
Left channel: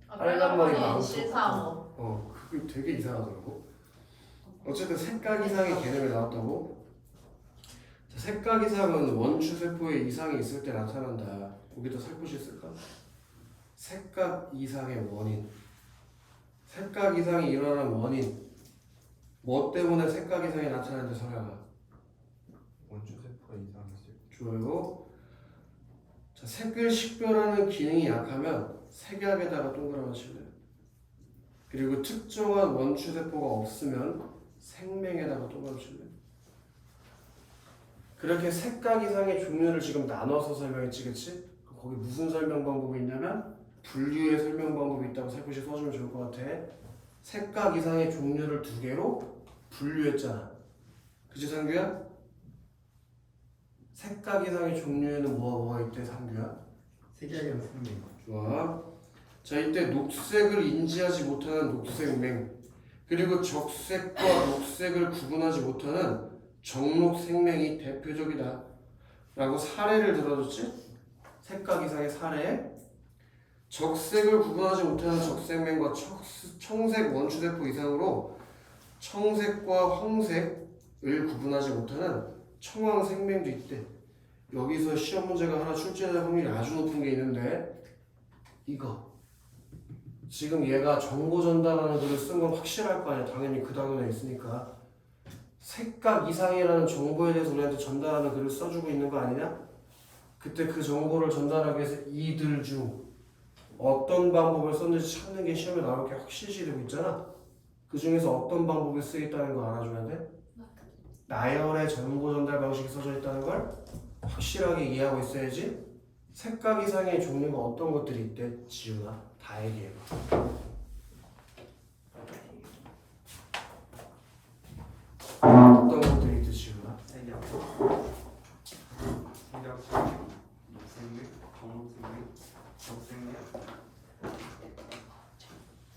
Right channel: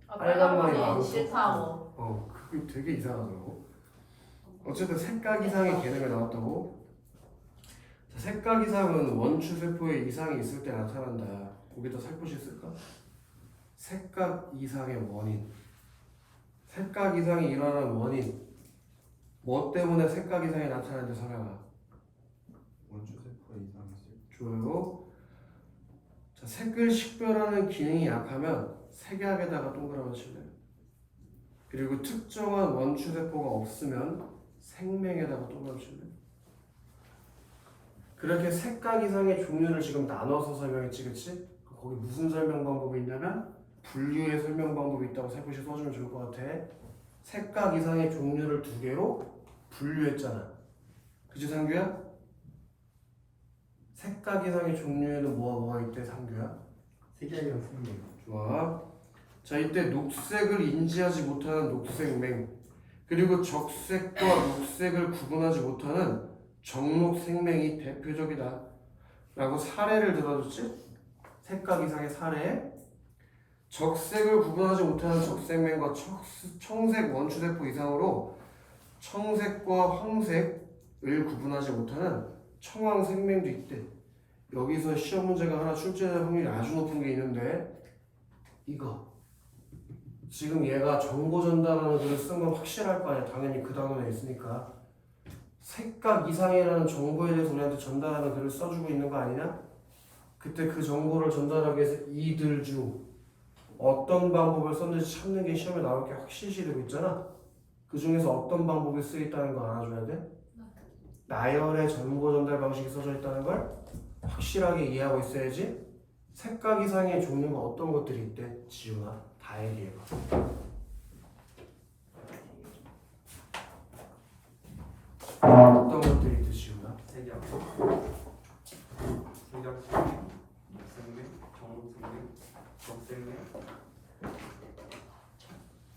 아, 빨간 머리 머리 망토. 싫다고. 그게 되게 이상하더라고. 어쨌든 색각 이상의 개념이 나왔다고. 자, 색각 이상은 원추세포에 이상이 있을 때 나타난다. 거기다 살포시 쓸까? 색각 이상의 원인. 색각 이상이 일어나는 원인. 뭐 때문에 색각 이상이 나타나는지 설명하. 원추세포의 이상이 있을. 좋아요. 자, 색을 식별하는 기능이 약하면 색약에다가 동그라미 칠래요. 그리고 특정한 원추세포가 없으면 생명에다가 동그라미 칠래요. 그렇게 색각 이상의 종류를 지금 나눠서 설명했지, 그치? 거기 무슨 설명 방법이 있냐면 분류의 설명 방법이 있다고 살포시 써주면 좋을 것 같아. 색각 이상의 종류를 두 개로 분류했잖아. 그치, 상규야? 색각 이상의 종류에는 뭐가 있대, 상규야? 색이랑 생명. 좋아. 자, 이때 녹색을 인지하지 못하는 녹색맹, 그리고 적색과 녹색을 구분하지 못하는 정록생맹이 대표적이다 라고 사례를 들어줬지? 색각 이상의 사례. 적색을 구분하지 못하는 적색맹과 청색 원추세포 이상으로 청색과 황색을 구분하지 못하는 청황생맹도 있대. 여기서 시험 문제가 하나 출제될 확률이 아주 높은 게 있는데 이거 지금 얘가 정보 전달하는 글을 쓴 건 확실할 거 아니야. 당연히 그 단원에 있으니까. 색각 이상이라는 정보에 대해서 우리한테 전달하는 글을 써주고 있는 거 아니냐? 그때 그 정보를 전달하기 위해서 이들 중 어떤 방법을 썼는지 찾는 게 시험에 나올 게 확실시 되고 있잖아. 그 중에서 어떤 방법이 쓰였다는 거 알아줘야 돼. 나열의 정보 전달 방식이 써져 있다는 걸 확실하게 이해하고 있어야지. 색각 이상의 종류가 어떤 것들이 있대? 지훈아, 다 얘기해봐. 어떤 것들이 있대, 지훈아? 색약, 색약 생명, 정생명, 정생명,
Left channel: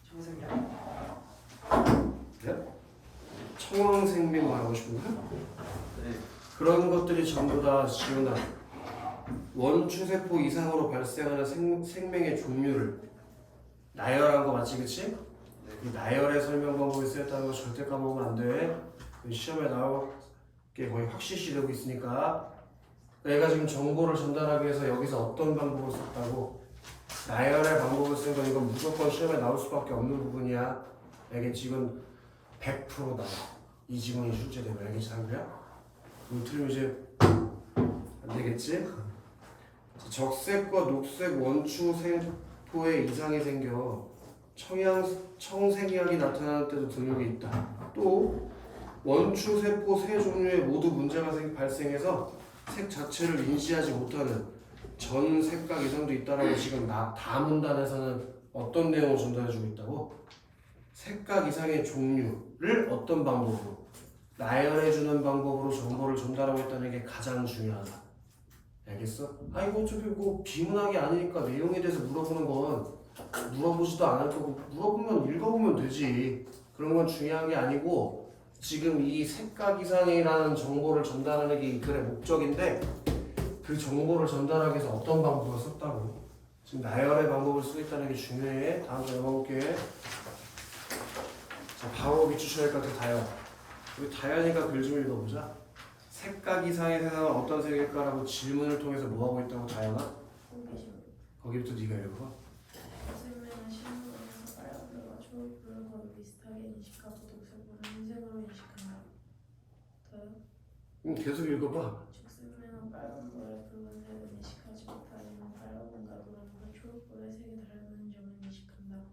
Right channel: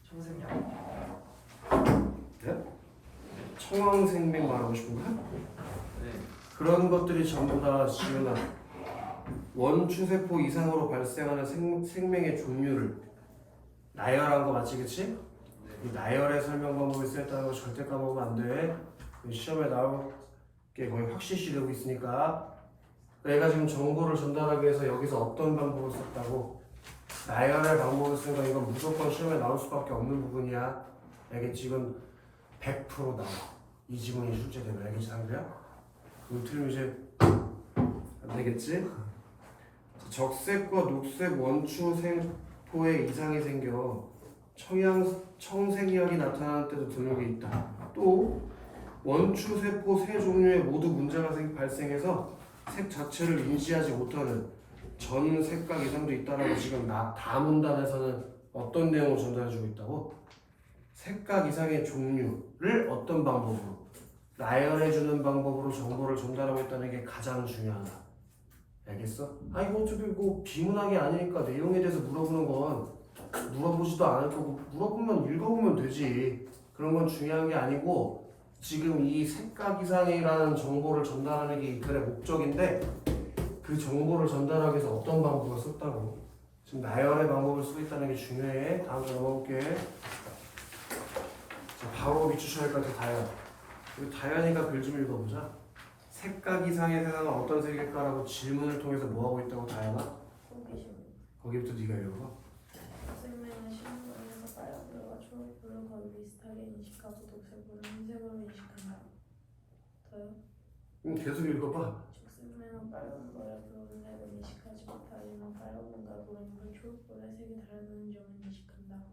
청생약. 네? 청황생명 말하고 싶은 거야? 네. 그런 것들이 전부 다 지훈아, 원추세포 이상으로 발생하는 생명의 종류를 나열한 거 맞지, 그치? 이 나열의 설명 방법이 쓰였다는 거 절대 까먹으면 안 돼. 시험에 나올 게 거의 확실시 되고 있으니까. 내가 지금 정보를 전달하기 위해서 여기서 어떤 방법을 썼다고, 나열의 방법을 쓴 건 이건 무조건 시험에 나올 수밖에 없는 부분이야. 알겠지? 이건 100% 나와. 이 지문이 출제되면. 알겠지, 상규야? 그거 틀리면 이제 안 되겠지? 적색과 녹색 원추 세포에 이상이 생겨 청생약이 나타나는 때도 등록이 있다. 또 원추 세포 세 종류에 모두 문제가 발생해서 색 자체를 인지하지 못하는 전 색각 이상도 있다라고 지금 다음 문단에서는 어떤 내용을 전달해주고 있다고? 색각 이상의 종류를 어떤 방법으로? 나열해주는 방법으로 정보를 전달하고 있다는 게 가장 중요하다. 알겠어? 아 이거 어차피 뭐 비문학이 아니니까 내용에 대해서 물어보는 건 물어보지도 않을 거고, 물어보면 읽어보면 되지. 그런 건 중요한 게 아니고, 지금 이 색각 이상이라는 정보를 전달하는 게 이 글의 목적인데, 그 정보를 전달하기 위해서 어떤 방법을 썼다고. 지금 나열의 방법을 쓰고 있다는 게 중요해. 다음 주 넘어볼게. 자, 바로 비추셔야 할 것 같아. 다현. 우리 다현이가 글 좀 읽어보자. 색각 이상의 세상은 어떤 세계일까라고 질문을 통해서 뭐하고 있다고, 다현아? 거기부터 네가 읽어봐. 생명은 신문에서 빨간색과 초록색을 거의 비슷하게 인식하고 녹색은 흰색으로 인식한다. 더요? 계속 읽어봐. 죽생명은 빨간색을 붉은색을 인식하지 못하지만 빨간색과 노란색, 초록색의 색이 다르다는 점을 인식한다.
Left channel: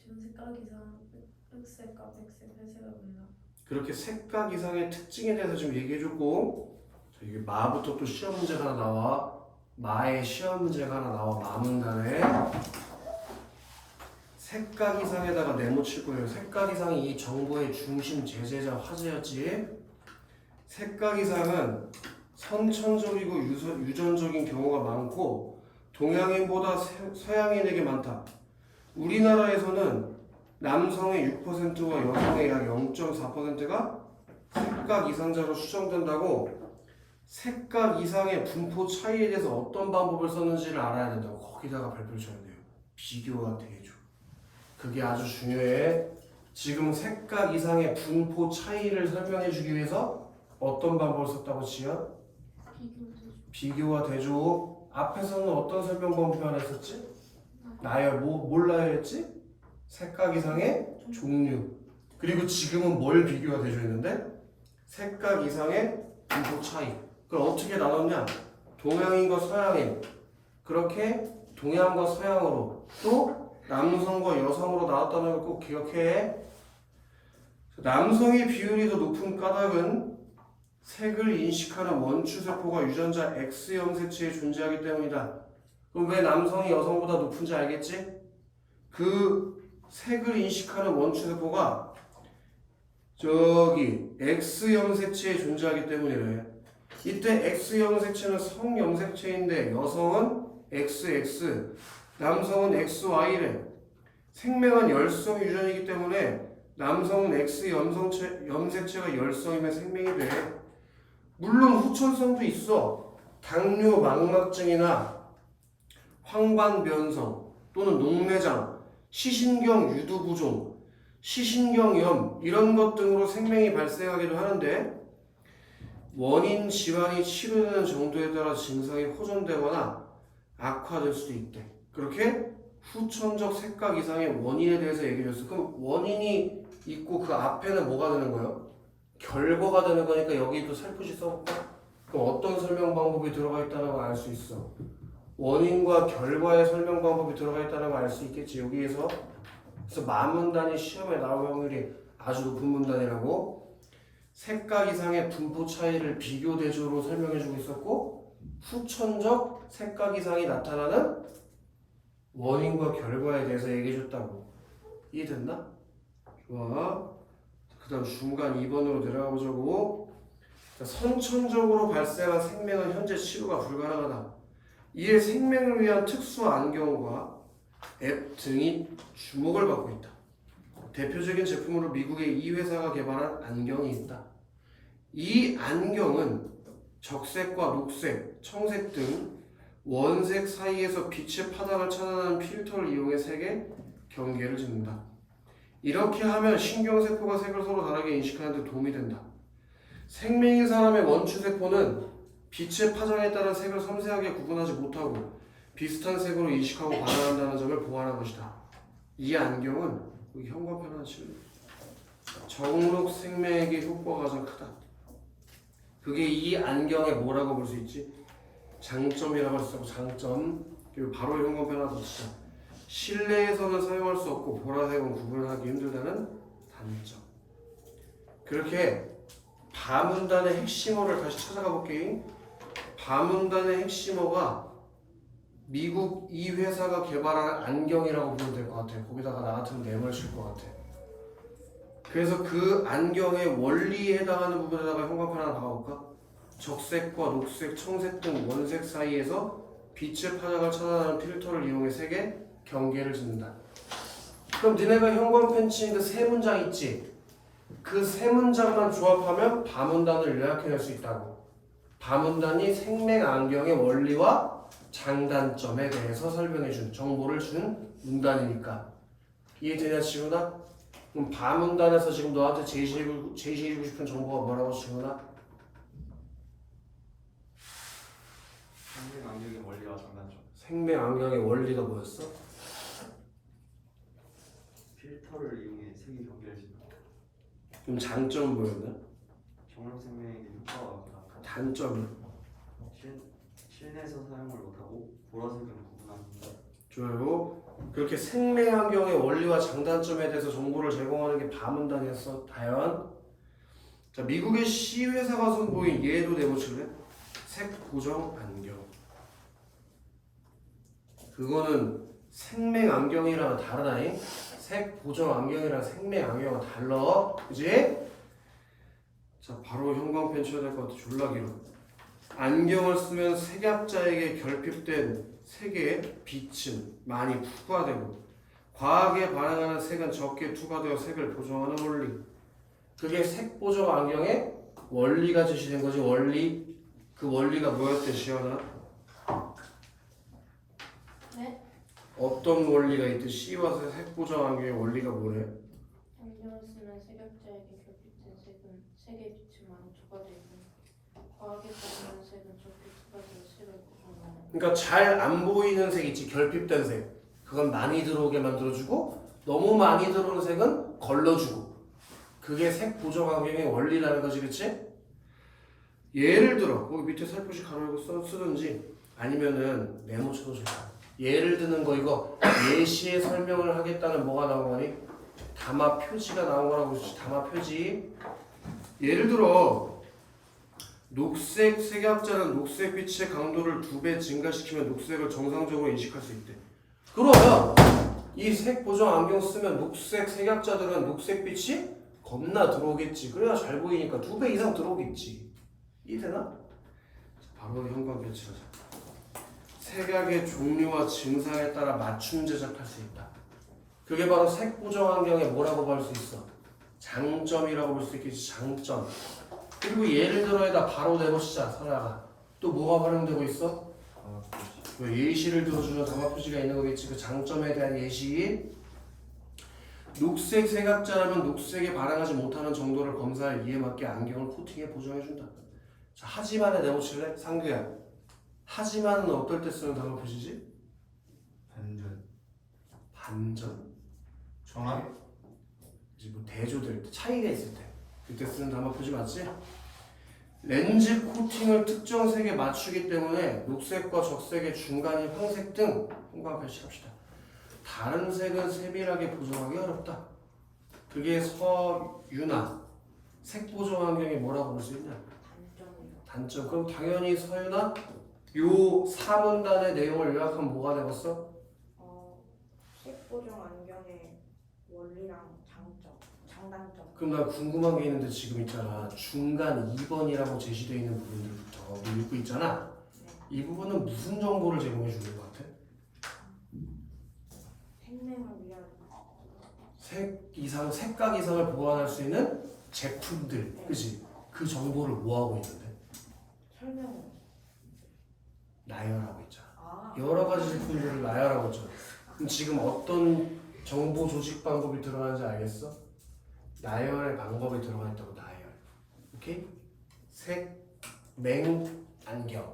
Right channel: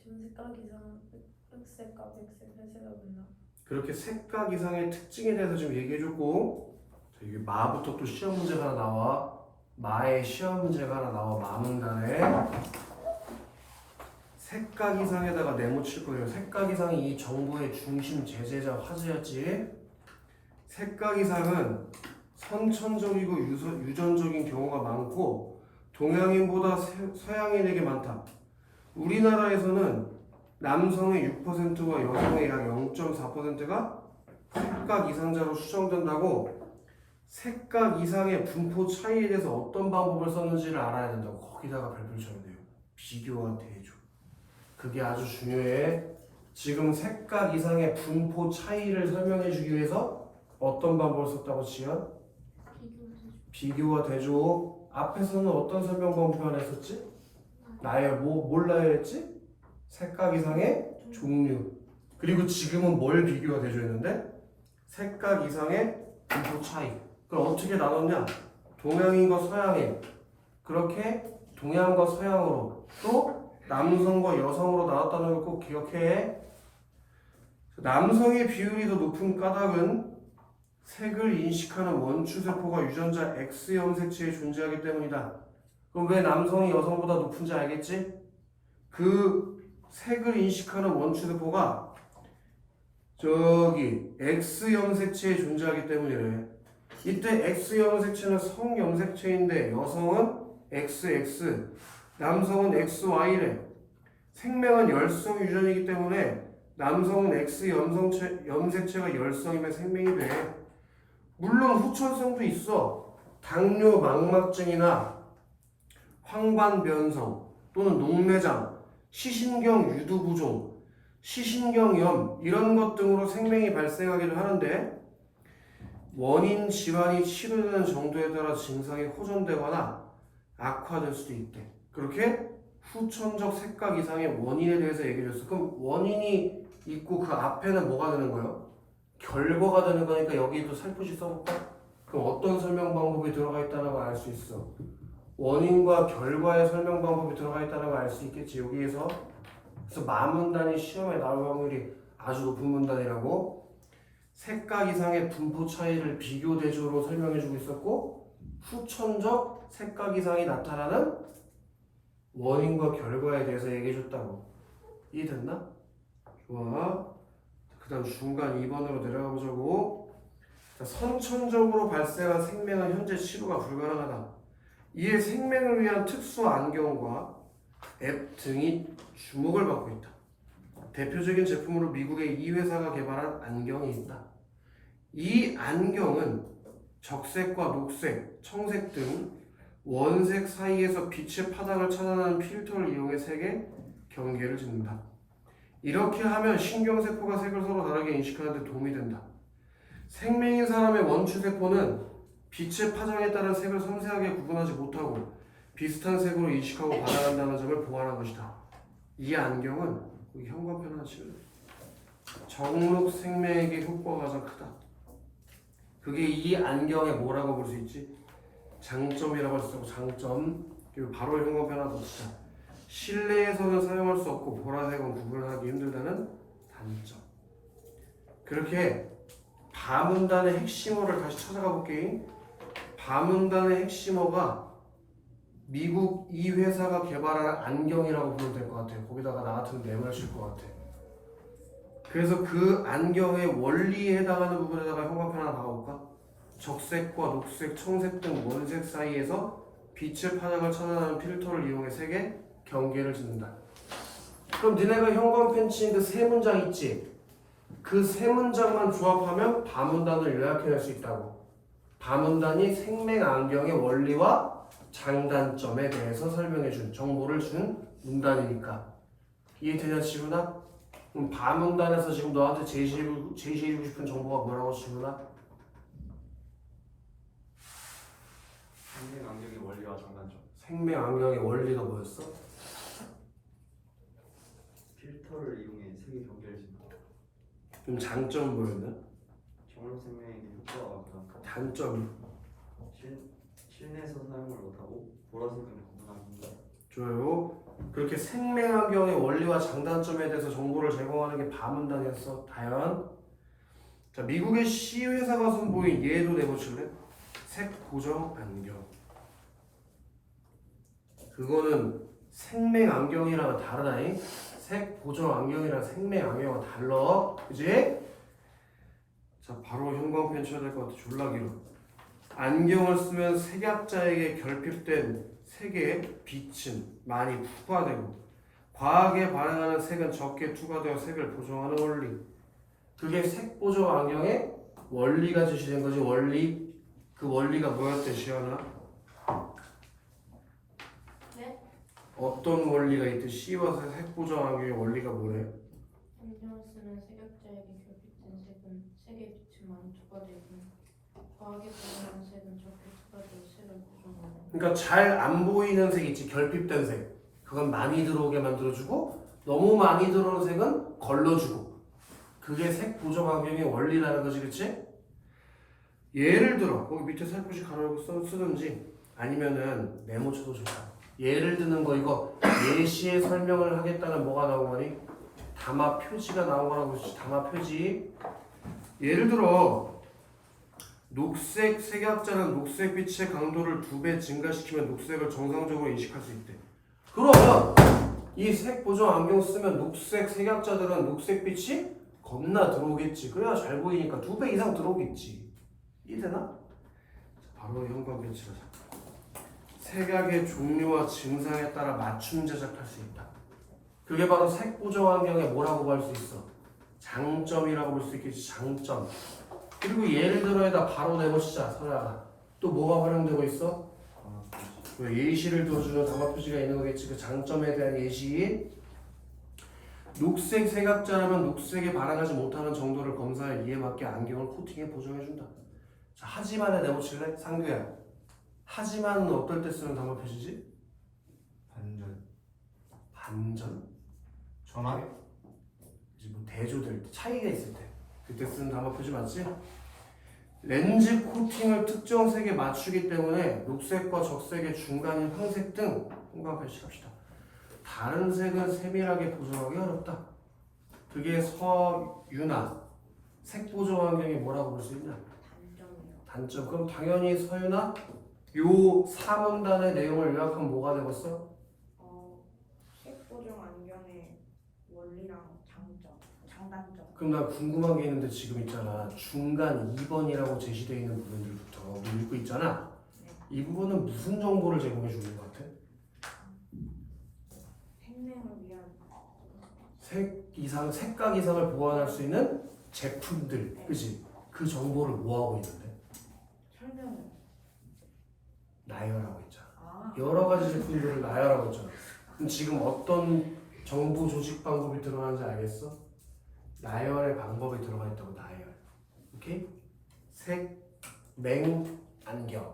지금 색각 이상은 흑색과 백색, 회색을 본다. 그렇게 색각 이상의 특징에 대해서 좀 얘기해주고, 이게 마부터 또 시험 문제가 하나 나와. 마의 시험 문제가 하나 나와. 마문단에 색각 이상에다가 네모칠 거예요. 색각 이상이 이 정보의 중심 제재자 화제였지. 색각 이상은 선천적이고 유전적인 경우가 많고 동양인보다 서양인에게 많다. 우리나라에서는 남성의 6%와 여성의 약 0.4%가 색각 이상자로 추정된다고. 색각 이상의 분포 차이에 대해서 어떤 방법을 썼는지를 알아야 된다고. 거기다가 발표를 쳐야 돼요. 비교와 대조. 그게 아주 중요해. 지금 색각 이상의 분포 차이를 설명해 주기 위해서 어떤 방법을 썼다고, 지연? 비교와 대조. 앞에서는 어떤 설명 방법 하나 했었지? 나열, 뭘 나열했지? 색각 이상의 종류. 그리고 지금은 뭘 비교와 대조했는데? 색각 이상의 분포 차이. 그걸 어떻게 나눴냐? 동양인과 서양인. 그렇게 동양과 서양으로, 또 남성과 여성으로 나왔다는 걸 꼭 기억해. 남성의 비율이 더 높은 까닭은 색을 인식하는 원추세포가 유전자 X 염색체에 존재하기 때문이다. 그럼 왜 남성이 여성보다 높은지 알겠지? 그 색을 인식하는 원추세포가 저기 X 염색체에 존재하기 때문이래. 이때 X 염색체는 성 염색체인데 여성은 XX, 남성은 XY래. 생명은 열성 유전이기 때문에 남성은 X 염색체가 열성이면 생명이 돼. 물론 후천성도 있어. 당뇨 망막증이나 황반변성 또는 녹내장, 시신경 유두부종, 시신경염 이런 것 등으로 생명이 발생하기도 하는데, 원인 질환이 치료되는 정도에 따라 증상이 호전되거나 악화될 수도 있대. 그렇게 후천적 색각 이상의 원인에 대해서 얘기해줬어. 그럼 원인이 있고 그 앞에는 뭐가 되는 거예요? 결과가 되는 거니까 여기도 살포시 써볼까? 그럼 어떤 설명 방법이 들어가 있다는 걸 알 수 있어. 원인과 결과의 설명 방법이 들어가 있다는 걸 알 수 있겠지. 여기에서 그래서 마문단이 시험에 나올 확률이 아주 높은 문단이라고. 색각 이상의 분포 차이를 비교 대조로 설명해주고 있었고, 후천적 색각 이상이 나타나는 원인과 결과에 대해서 얘기해줬다고. 이해됐나? 좋아. 그 다음 중간 2번으로 내려가 보자고. 자, 선천적으로 발생한 생명은 현재 치료가 불가능하다. 이에 생명을 위한 특수 안경과 앱 등이 주목을 받고 있다. 대표적인 제품으로 미국의 이 회사가 개발한 안경이 있다. 이 안경은 적색과 녹색, 청색 등 원색 사이에서 빛의 파장을 차단하는 필터를 이용해 색의 경계를 짓는다. 이렇게 하면 신경세포가 색을 서로 다르게 인식하는 데 도움이 된다. 생명인 사람의 원추세포는 빛의 파장에 따른 색을 섬세하게 구분하지 못하고 비슷한 색으로 인식하고 반응한다는 점을 보완한 것이다. 이 안경은 여기 현관펜 하나 칠래? 정록 생명에게 효과가 가장 크다. 그게 이 안경의 뭐라고 볼 수 있지? 장점이라고 할 수 있고, 장점. 그리고 바로 현관펜 하나 더 치자. 실내에서는 사용할 수 없고 보라색은 구분하기 힘들다는 단점. 그렇게 바문단의 핵심어를 다시 찾아가 볼게. 바문단의 핵심어가 미국 이 회사가 개발한 안경이라고 보면 될 것 같아. 거기다가 나 같으면 네모를 칠 것 같아. 그래서 그 안경의 원리에 해당하는 부분에다가 현관펜 하나 박아볼까? 적색과 녹색, 청색 등 원색 사이에서 빛의 파장을 차단하는 필터를 이용해 색의 경계를 짓는다. 그럼 니네가 현관펜 친 그 세 문장 있지? 그 세 문장만 조합하면 바문단을 요약해낼 수 있다고. 바문단이 생명 안경의 원리와 장단점에 대해서 설명해준, 정보를 준 문단이니까. 이해되냐 지훈아? 그럼 바문단에서 지금 너한테 제시해주고 싶은 정보가 뭐라고 지훈아? 생명 안경의 원리와 장단점. 생명 안경의 원리가 뭐였어? 필터를 이용해 색의 경계를 짓는다. 그럼 장점은 뭐였나? 정록 생명에게 효과가 가장 크다. 단점이? 실내에서 사용을 못하고 보라색은 구분하기 힘들다. 좋아요. 그렇게 생명 안경의 원리와 장단점에 대해서 정보를 제공하는 게 바문단이었어. 다연. 자, 미국의 C 회사가 선보인 얘도 내보실래? 색 보정 안경. 그거는 생명 안경이랑 다르다니? 색 보정 안경이랑 생명 안경은 달라. 그지? 자, 바로 형광펜 쳐야 될 것 같아. 졸라 길어. 안경을 쓰면 색약자에게 결핍된 색의 빛은 많이 투과되고 과하게 반응하는 색은 적게 투과되어 색을 보정하는 원리. 그게 색 보정 안경의 원리가 제시된 거지. 원리. 그 원리가 뭐였대 시연아? 네? 어떤 원리가 있대? C와 색 보정 안경의 원리가 뭐래? 안경을 쓰면 색약자에게 결핍된 색은 색의 빛이 많이 투과되고 과하게 반응하는 색은 적게 투과되어 색을 보정하는. 그러니까 잘 안 보이는 색 있지. 결핍된 색. 그건 많이 들어오게 만들어주고 너무 많이 들어오는 색은 걸러주고. 그게 색 보정 안경의 원리라는 거지. 그치? 예를 들어 거기 밑에 살포시 가로 열고 쓰든지 아니면은 메모 쳐도 좋다. 예를 드는 거 이거 예시에 설명을 하겠다는 뭐가 나온 거니? 담화 표지가 나온 거라고 그러지. 담화 표지. 예를 들어 녹색 색약자는 녹색빛의 강도를 2배 증가시키면 녹색을 정상적으로 인식할 수 있대. 그러면 이 색 보정 안경 쓰면 녹색 색약자들은 녹색빛이 겁나 들어오겠지. 그래야 잘 보이니까 2배 이상 들어오겠지. 이해되나? 바로 현관펜 칠하자. 색약의 종류와 증상에 따라 맞춤 제작할 수 있다. 그게 바로 색 보정 안경의 뭐라고 볼 수 있어? 장점이라고 볼 수 있겠지. 장점. 그리고 예를 들어에다 바로 내보시자. 설아가 또 뭐가 활용되고 있어? 예시를 들어주는 담화 표지가 있는 거겠지. 그 장점에 대한 예시. 녹색 색약자라면 녹색에 반응하지 못하는 정도를 검사할 이에 맞게 안경을 코팅해 보정해준다. 자, 하지만에 내보실래? 상규야. 하지만은 어떨 때 쓰는 담화 표시지? 반전. 반전 정확해. 이제 뭐 대조될 때 차이가 있을 때 그때 쓰는 단어 표지 맞지? 렌즈 코팅을 특정 색에 맞추기 때문에 녹색과 적색의 중간인 황색 등 형광펜 칠합시다. 다른 색은 세밀하게 보정하기 어렵다. 그게 서유나 색 보정 환경이 뭐라고 볼 수 있냐? 단점이요. 단점. 그럼 당연히 서유나 요 사문단의 내용을 요약하면 뭐가 되겠어? 색 보정 안경의 원리랑 장점, 장단점. 그럼 나 궁금한 게 있는데 지금 있잖아. 중간 2번이라고 제시되어 있는 부분들부터 우리 읽고 있잖아. 이 부분은 무슨 정보를 제공해 주는 것 같아? 생명을 위한 색각 이상을 보완할 수 있는 제품들, 그지? 그 정보를 뭐 하고 있는데? 설명을. 나열하고 있잖아. 아. 여러 가지 제품들을 나열하고 있잖아. 그럼 지금 어떤 정보 조직 방법이 들어가는지 알겠어? 나열의 방법이 들어가 있다고. 나열. 오케이? 색, 맹, 안경,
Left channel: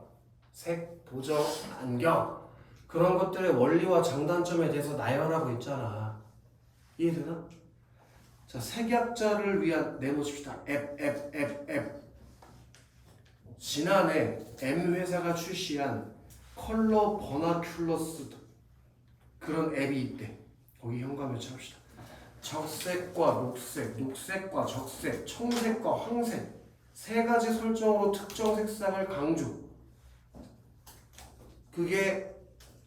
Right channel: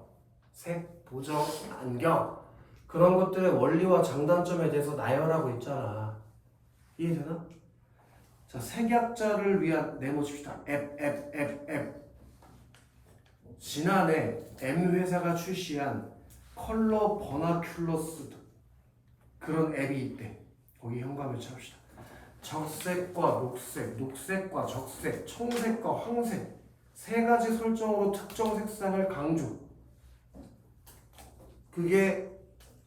색, 보정, 안경, 그런 것들의 원리와 장단점에 대해서 나열하고 있잖아. 이해되나? 자, 색약자를 위한 네모 칩시다. 앱. 지난해 M 회사가 출시한 컬러 버나큘러스 그런 앱이 있대. 거기 현관을 칩시다. 적색과 녹색, 녹색과 적색, 청색과 황색 세 가지 설정으로 특정 색상을 강조. 그게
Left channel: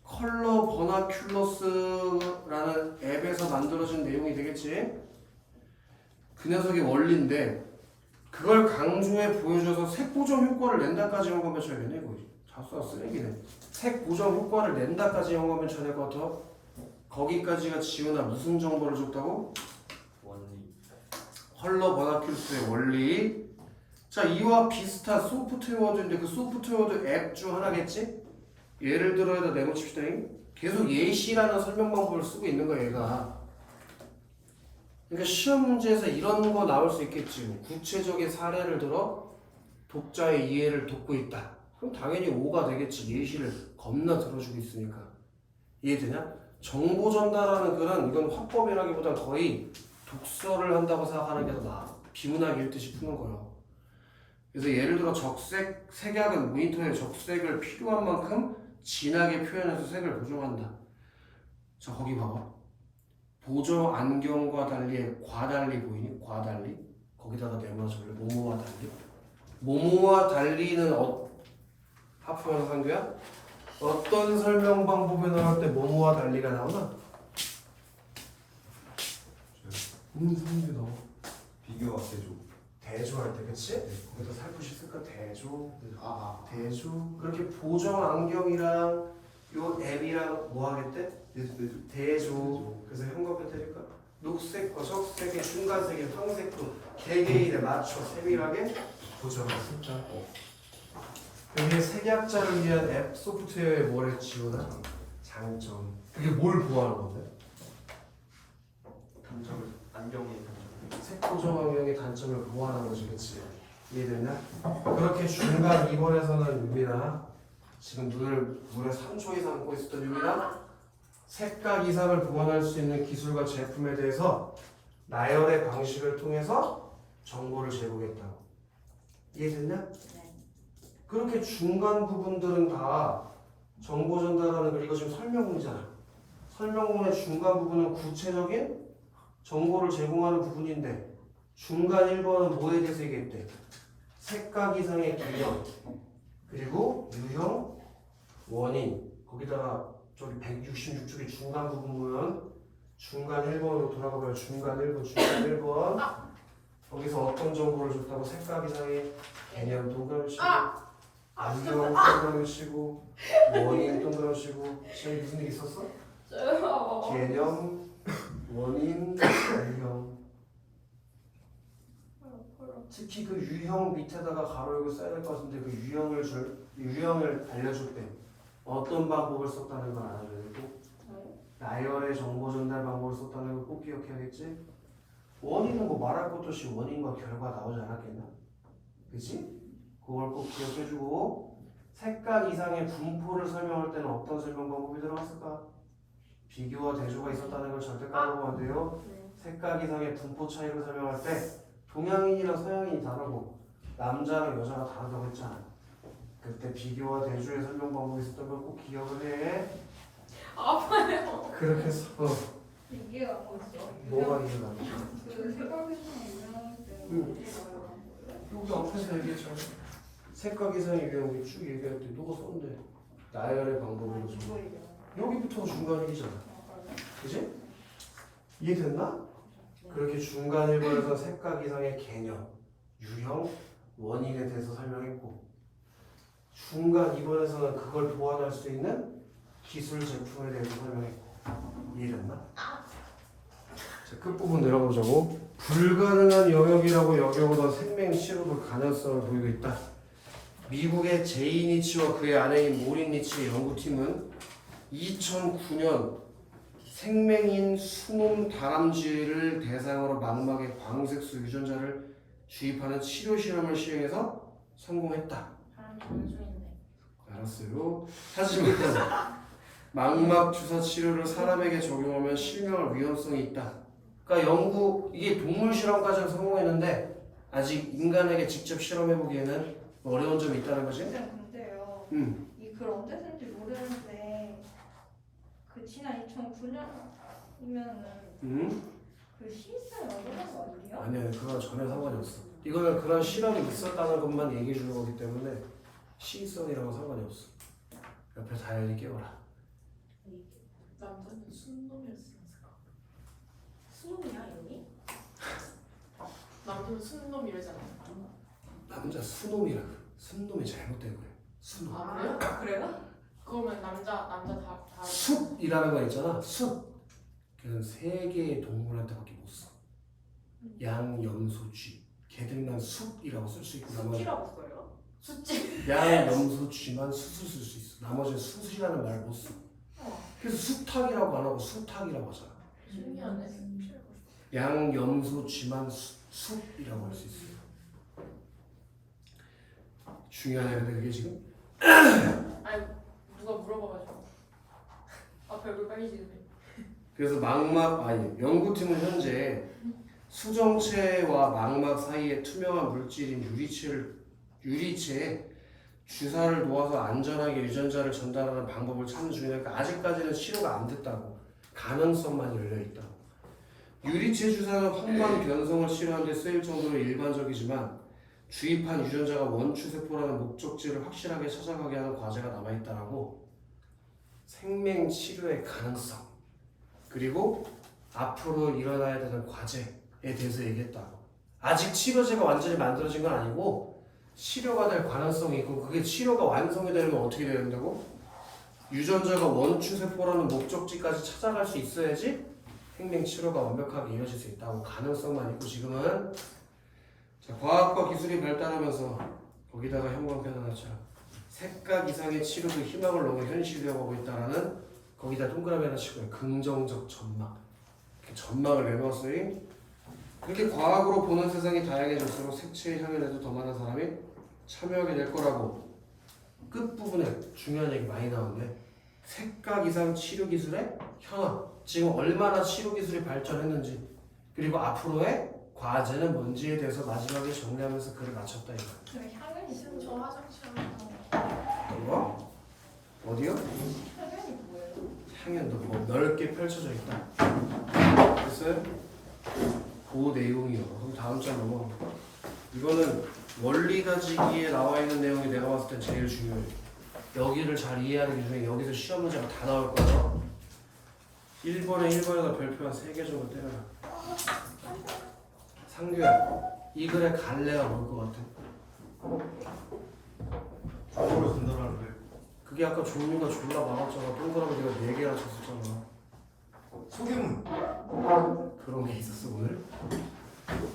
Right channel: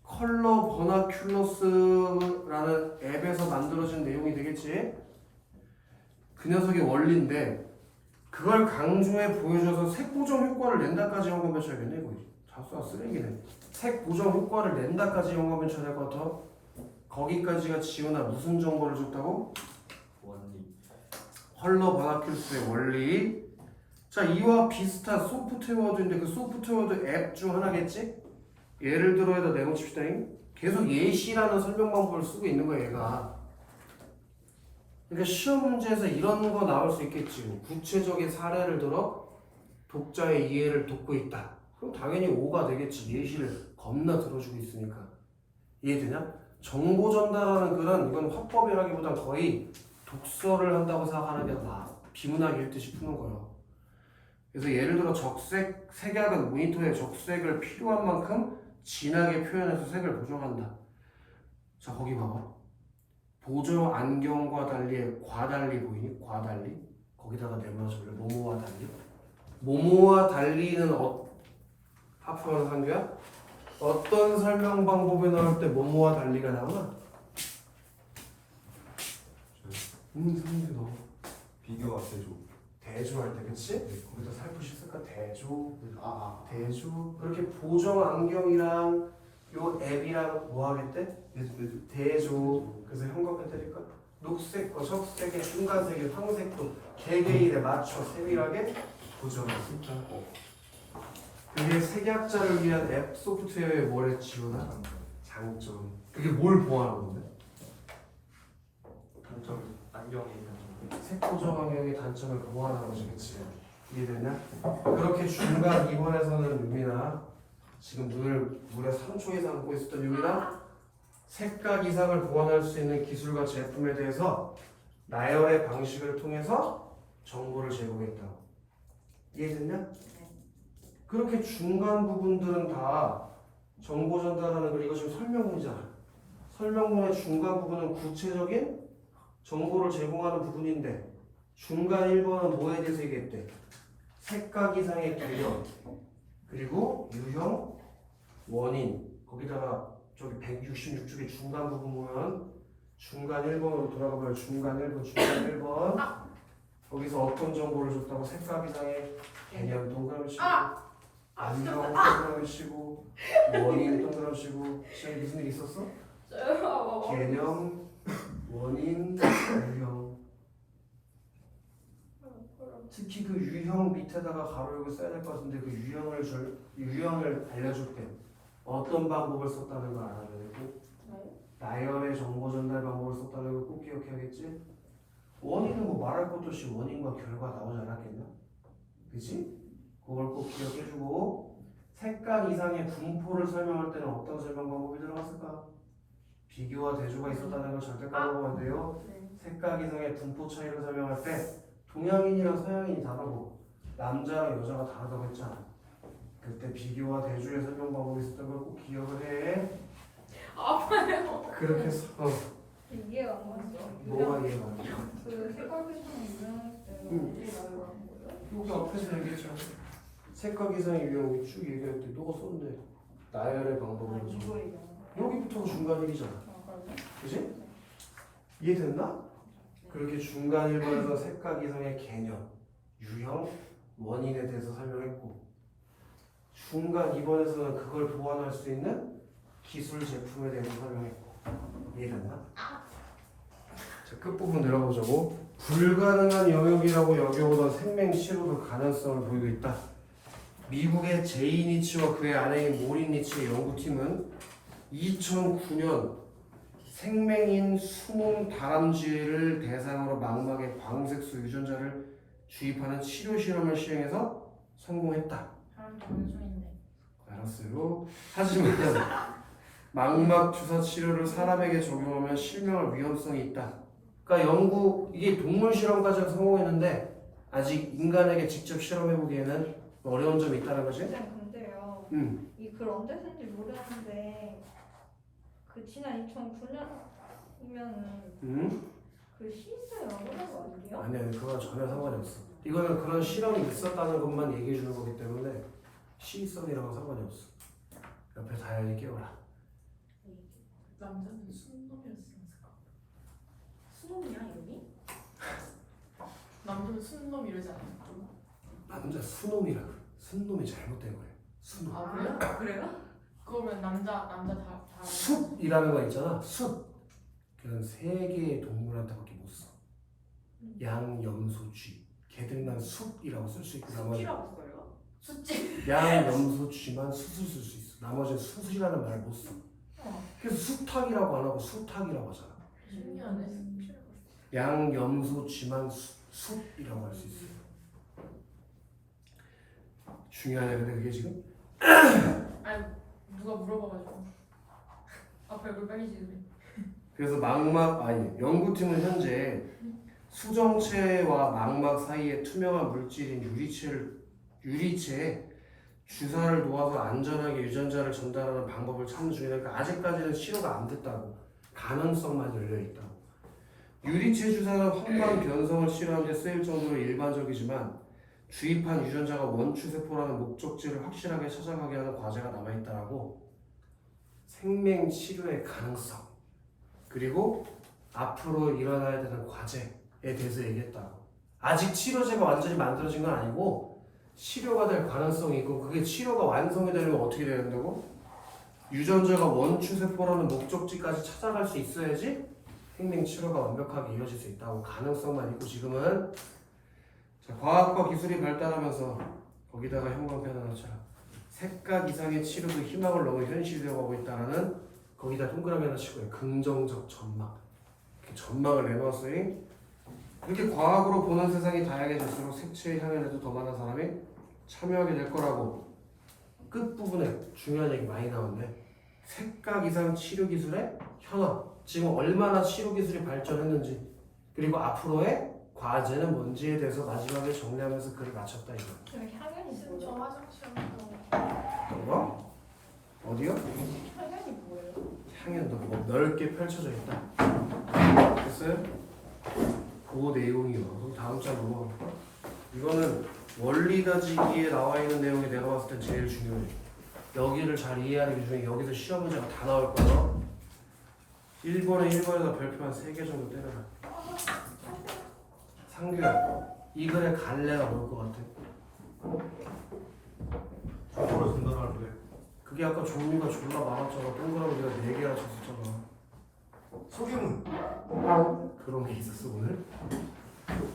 컬러 버나큘러스라는 앱에서 만들어진 내용이 되겠지. 그 녀석의 원리인데 그걸 강조해 보여줘서 색 보정 효과를 낸다까지 현관에 쳐야겠네. 이거 자수가 쓰레기네. 색 보정 효과를 낸다까지 현관에 쳐야 될 것 같아. 거기까지가 지훈아 무슨 정보를 줬다고? 원리. 컬러 버나큘러스의 원리. 자, 이와 비슷한 소프트웨어도인데 그 소프트웨어도 앱 중 하나겠지? 예를 들어 여기다 내놓칩시다. 계속 예시라는 설명 방법을 쓰고 있는 거야 얘가. 그러니까 시험 문제에서 이런 거 나올 수 있겠지. 구체적인 사례를 들어 독자의 이해를 돕고 있다. 그럼 당연히 5가 되겠지. 예시를 겁나 들어주고 있으니까. 이해되냐? 정보 전달하는 글은 이건 화법이라기보단 거의 독서를 한다고 생각하는 게 더 나아. 비문학 읽듯이 푸는 거예요. 그래서 예를 들어 적색, 색약은 모니터에 적색을 필요한 만큼 진하게 표현해서 색을 보정한다. 자, 거기 봐봐. 보정 안경과 달리 과달리 보이니? 과달리? 거기다가 내면서 원래 모모와 달리? 모모와 달리는 하프만 한교야? 어떤 설명 방법이 나올 때 모모와 달리가 나오나? 선생님이 너무 비교가 되죠. 대조할 때, 그치? 거기다 살포시 쓸까? 대조. 대조. 그렇게 보정 안경이랑 요 앱이랑 뭐 하겠대? 대조. 그래서 현관펜 때릴까? 녹색과 적색의 중간색의 황색도 개개인에 맞춰 세밀하게 보정을 쓸까? 그게 색약자를 위한 앱 소프트웨어의 뭐를 지원하? 장점. 그게 뭘 보호하는 건데? 단점. 안경의 단점. 색 보정 환경의 단점을 보호하는 거지, 그치? 이해됐냐? 그렇게 중간 2번에서는 유미나 지금 물에 3초 이상 먹고 있었던 유미나 색각 이상을 보완할 수 있는 기술과 제품에 대해서 나열의 방식을 통해서 정보를 제공했다고. 이해됐냐? 네. 그렇게 중간 부분들은 다 정보 전달하는 글, 이거 지금 설명문이잖아. 설명문의 중간 부분은 구체적인 정보를 제공하는 부분인데 중간 1번은 뭐에 대해서 얘기했대? 색각 이상의 개념, 그리고 유형, 원인, 거기다가 저기 166쪽의 중간 부분 보면 중간 1번으로 돌아가봐요. 중간 1번 거기서 어떤 정보를 줬다고? 색각 이상의 개념 동그라미 치고 안경 동그라미 치고 원인 동그라미 치고. 지금 무슨 일 있었어? 개념, 원인, 유형. 특히 그 유형 밑에다가 가로 열고 써야 될 것 같은데 그 유형을 알려줄 때 어떤 방법을 썼다는 걸 알아줘야 되고 나열의 정보 전달 방법을 썼다는 걸 꼭 기억해야겠지. 원인은 뭐 말할 것도 없이 원인과 결과 나오지 않았겠나? 그지? 그걸 꼭 기억해주고 색깔 이상의 분포를 설명할 때는 어떤 설명 방법이 들어갔을까? 비교와 대조가 있었다는 걸 절대 까먹으면 안 돼요. 네. 색각 이상의 분포 차이를 설명할 때 동양인이랑 서양인이 다르고 남자랑 여자가 다르다고 했잖아. 그때 비교와 대조의 설명 방법이 있었던 걸 꼭 기억을 해. 아파요. 그렇게 해서 이해가 안 갔어. 뭐가 이해가 안 돼? 그 생각했던 유명 응. 때문에 여기 앞에서 얘기했잖아. 색각 이상의 유형이 쭉 얘기할 때 너가 썼는데 나열의 방법으로 좀. 이거 얘기하는 거. 여기부터가 중간일이잖아. 그러면 그지? 이해됐나? 그렇게 중간 1번에서 색각 이상의 개념, 유형, 원인에 대해서 설명했고 중간 2번에서는 그걸 보완할 수 있는 기술 제품에 대해서 설명했고 이해됐나? 자, 끝부분 내려보자고. 불가능한 영역이라고 여겨오던 생명 치료도 가능성을 보이고 있다. 미국의 제이 니치와 그의 아내인 모린 니치의 연구팀은 2009년 생명인 수몸 다람쥐를 대상으로 망막에 광색소 유전자를 주입하는 치료 실험을 시행해서 성공했다. 사람 정신있네. 알았어요. 하지만 망막 주사 치료를 사람에게 적용하면 실명할 위험성이 있다. 그러니까 이게 동물 실험까지는 성공했는데 아직 인간에게 직접 실험해 보기에는 어려운 점이 있다는 거지. 근데요. 이 글 언제 쓴지 모르는데 그 지난 2009년이면은 그 시사에 어려운 거 아니에요? 아니야, 그건 전혀 상관이 없어. 이거는 그런 실험이 있었다는 것만 얘기해 주는 거기 때문에 시의성이랑은 상관이 없어. 옆에 다현이 깨워라. 남자는 순놈이었으니까. 수능이야 여기? 남자는 순놈 이러잖아. 남자 수놈이라 그래. 순놈이 잘못된 거예요. 수놈. 아 그래요? 그래요? 그러면 남자 다. 숲이라는 거 있잖아. 숲. 그냥 세 개의 동물한테밖에 못 써. 양, 염소, 쥐. 걔들만 숲이라고 쓸 수 있고 나머지 숙지라고 써요? 수치. 양, 염소, 쥐만 숯을 쓸 수 있어. 나머지는 숯이라는 말을 못 써. 그래서 수탉이라고 안 하고 수탉이라고 하잖아. 신기하네. 양, 염소, 쥐만 숲이라고 할 수 있어요. 중요하네. 근데 그게 지금 아니 누가 물어봐가지고. 앞에 얼굴 빨개지네. 그래서 연구팀은 현재 수정체와 망막 사이에 투명한 물질인 유리체에 주사를 놓아서 안전하게 유전자를 전달하는 방법을 찾는 중이니까 아직까지는 치료가 안 됐다고. 가능성만 열려있다고. 유리체 주사는 황반 변성을 치료하는 데 쓰일 정도로 일반적이지만 주입한 유전자가 원추세포라는 목적지를 확실하게 찾아가게 하는 과제가 남아있다라고. 생명 치료의 가능성 그리고 앞으로 일어나야 되는 과제에 대해서 얘기했다고. 아직 치료제가 완전히 만들어진 건 아니고 치료가 될 가능성이 있고 그게 치료가 완성이 되려면 어떻게 돼야 된다고? 유전자가 원추세포라는 목적지까지 찾아갈 수 있어야지 생명 치료가 완벽하게 이어질 수 있다고. 가능성만 있고 지금은 자, 과학과 기술이 발달하면서 거기다가 형광펜 하나 쳐. 색각 이상의 치료도 희망을 넘어 현실되어가고 있다라는 거기다 동그라미 하나 치고요. 긍정적 전망. 이렇게 전망을 내놓았어요. 그렇게 과학으로 보는 세상이 다양해질수록 색채의 향연에도 더 많은 사람이 참여하게 될 거라고. 끝부분에 중요한 얘기 많이 나오는데 색각 이상 치료 기술의 현황. 지금 얼마나 치료 기술이 발전했는지 그리고 앞으로의 과제는 뭔지에 대해서 마지막에 정리하면서 글을 마쳤다 이거. 저희 향연이 저 뭐예요? 화장실 어떤 거? 어디요? 향연이 뭐예요? 향연도 뭐 넓게 펼쳐져 있다. 됐어요? 그 내용이요. 그럼 다음 장 넘어가. 이거는 원리 다지기에 나와 있는 내용이 내가 봤을 땐 제일 중요해. 여기를 잘 이해하는 게 중요해. 여기서 시험 문제가 다 나올 거야. 1번에서 별표 한 3개 정도 때려라. 상규야, 이 글의 갈래가 뭘 것 같아? 저걸 분노를 왜? 그게 아까 종류가 졸라 많았잖아. 동그라미 네가 4개나 쳤었잖아. 소개문. 그런 게 있었어 오늘?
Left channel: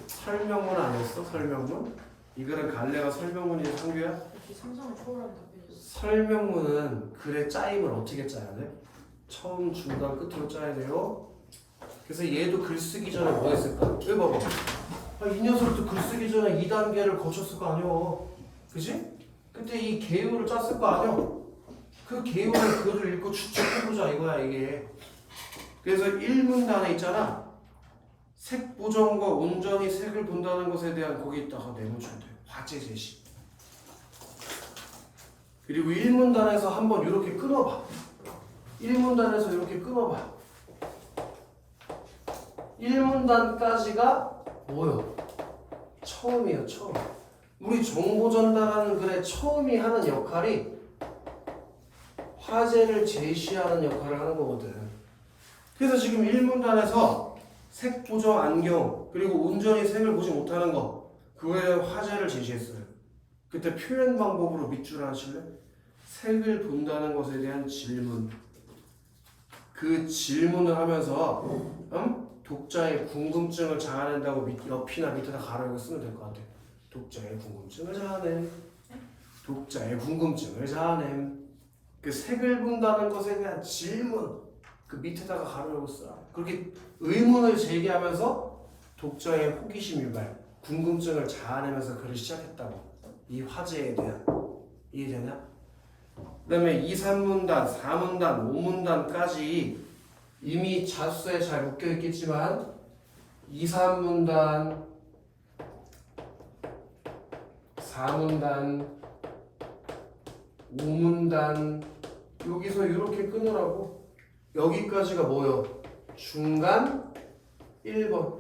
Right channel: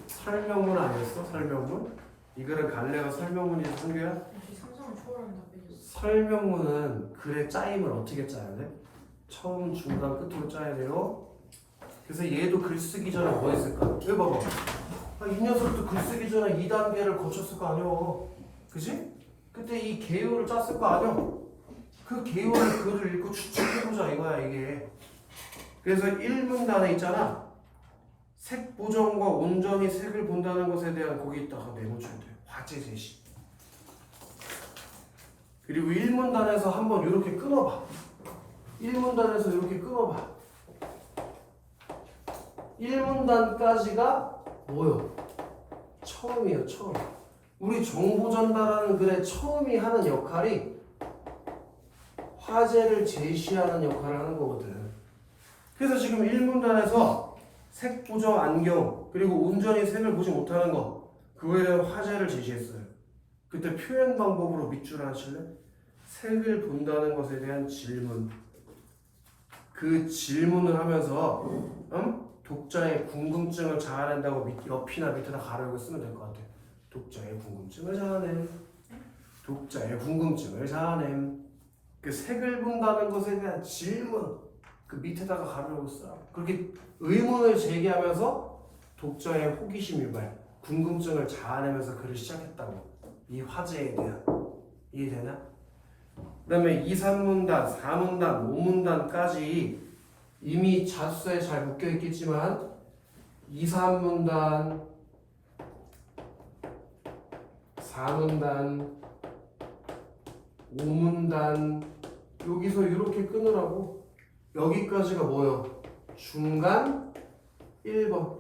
설명문 아니었어? 설명문? 이 글은 갈래가 설명문이야 상규야? 역시 상상을 초월하는 답변이었어. 설명문은 글의 짜임을 어떻게 짜야 돼? 처음, 중간, 끝으로 짜야 돼요. 그래서 얘도 글 쓰기 전에 뭐 했을까? 왜 봐봐. 이 녀석도 글 쓰기 전에 2단계를 거쳤을 거 아니야. 그지? 그때 이 개요를 짰을 거 아니야. 그 개요의 글을 읽고 추측해보자 이거야 이게. 그래서 1문단에 있잖아. 색 보정과 온전히 색을 본다는 것에 대한 거기다가 메모주면 돼요. 화제 제시. 그리고 1문단에서 한번 이렇게 끊어봐. 1문단에서 이렇게 끊어봐. 1문단까지가 뭐요? 처음이에요, 처음. 우리 정보 전달하는 글의 처음이 하는 역할이 화제를 제시하는 역할을 하는 거거든. 그래서 지금 1문단에서 색 보정 안경 그리고 온전히 색을 보지 못하는 거 그거에 대한 화제를 제시했어요. 그때 표현 방법으로 밑줄 하실래? 색을 본다는 것에 대한 질문. 그 질문을 하면서 독자의 궁금증을 자아낸다고 옆이나 밑에다 가로고 쓰면 될 것 같아. 독자의 궁금증을 자아냄. 독자의 궁금증을 자아냄. 그 색을 본다는 것에 대한 질문. 그 밑에다가 가로고 써. 그렇게 의문을 제기하면서 독자의 호기심 유발, 궁금증을 자아내면서 글을 시작했다고. 이 화제에 대한. 이해되냐? 그 다음에 2, 3문단, 4문단, 5문단까지 이미 자수에 잘 묶여있겠지만 2, 3문단, 4문단, 5문단 여기서 이렇게 끊으라고. 여기까지가 뭐요? 중간 1번.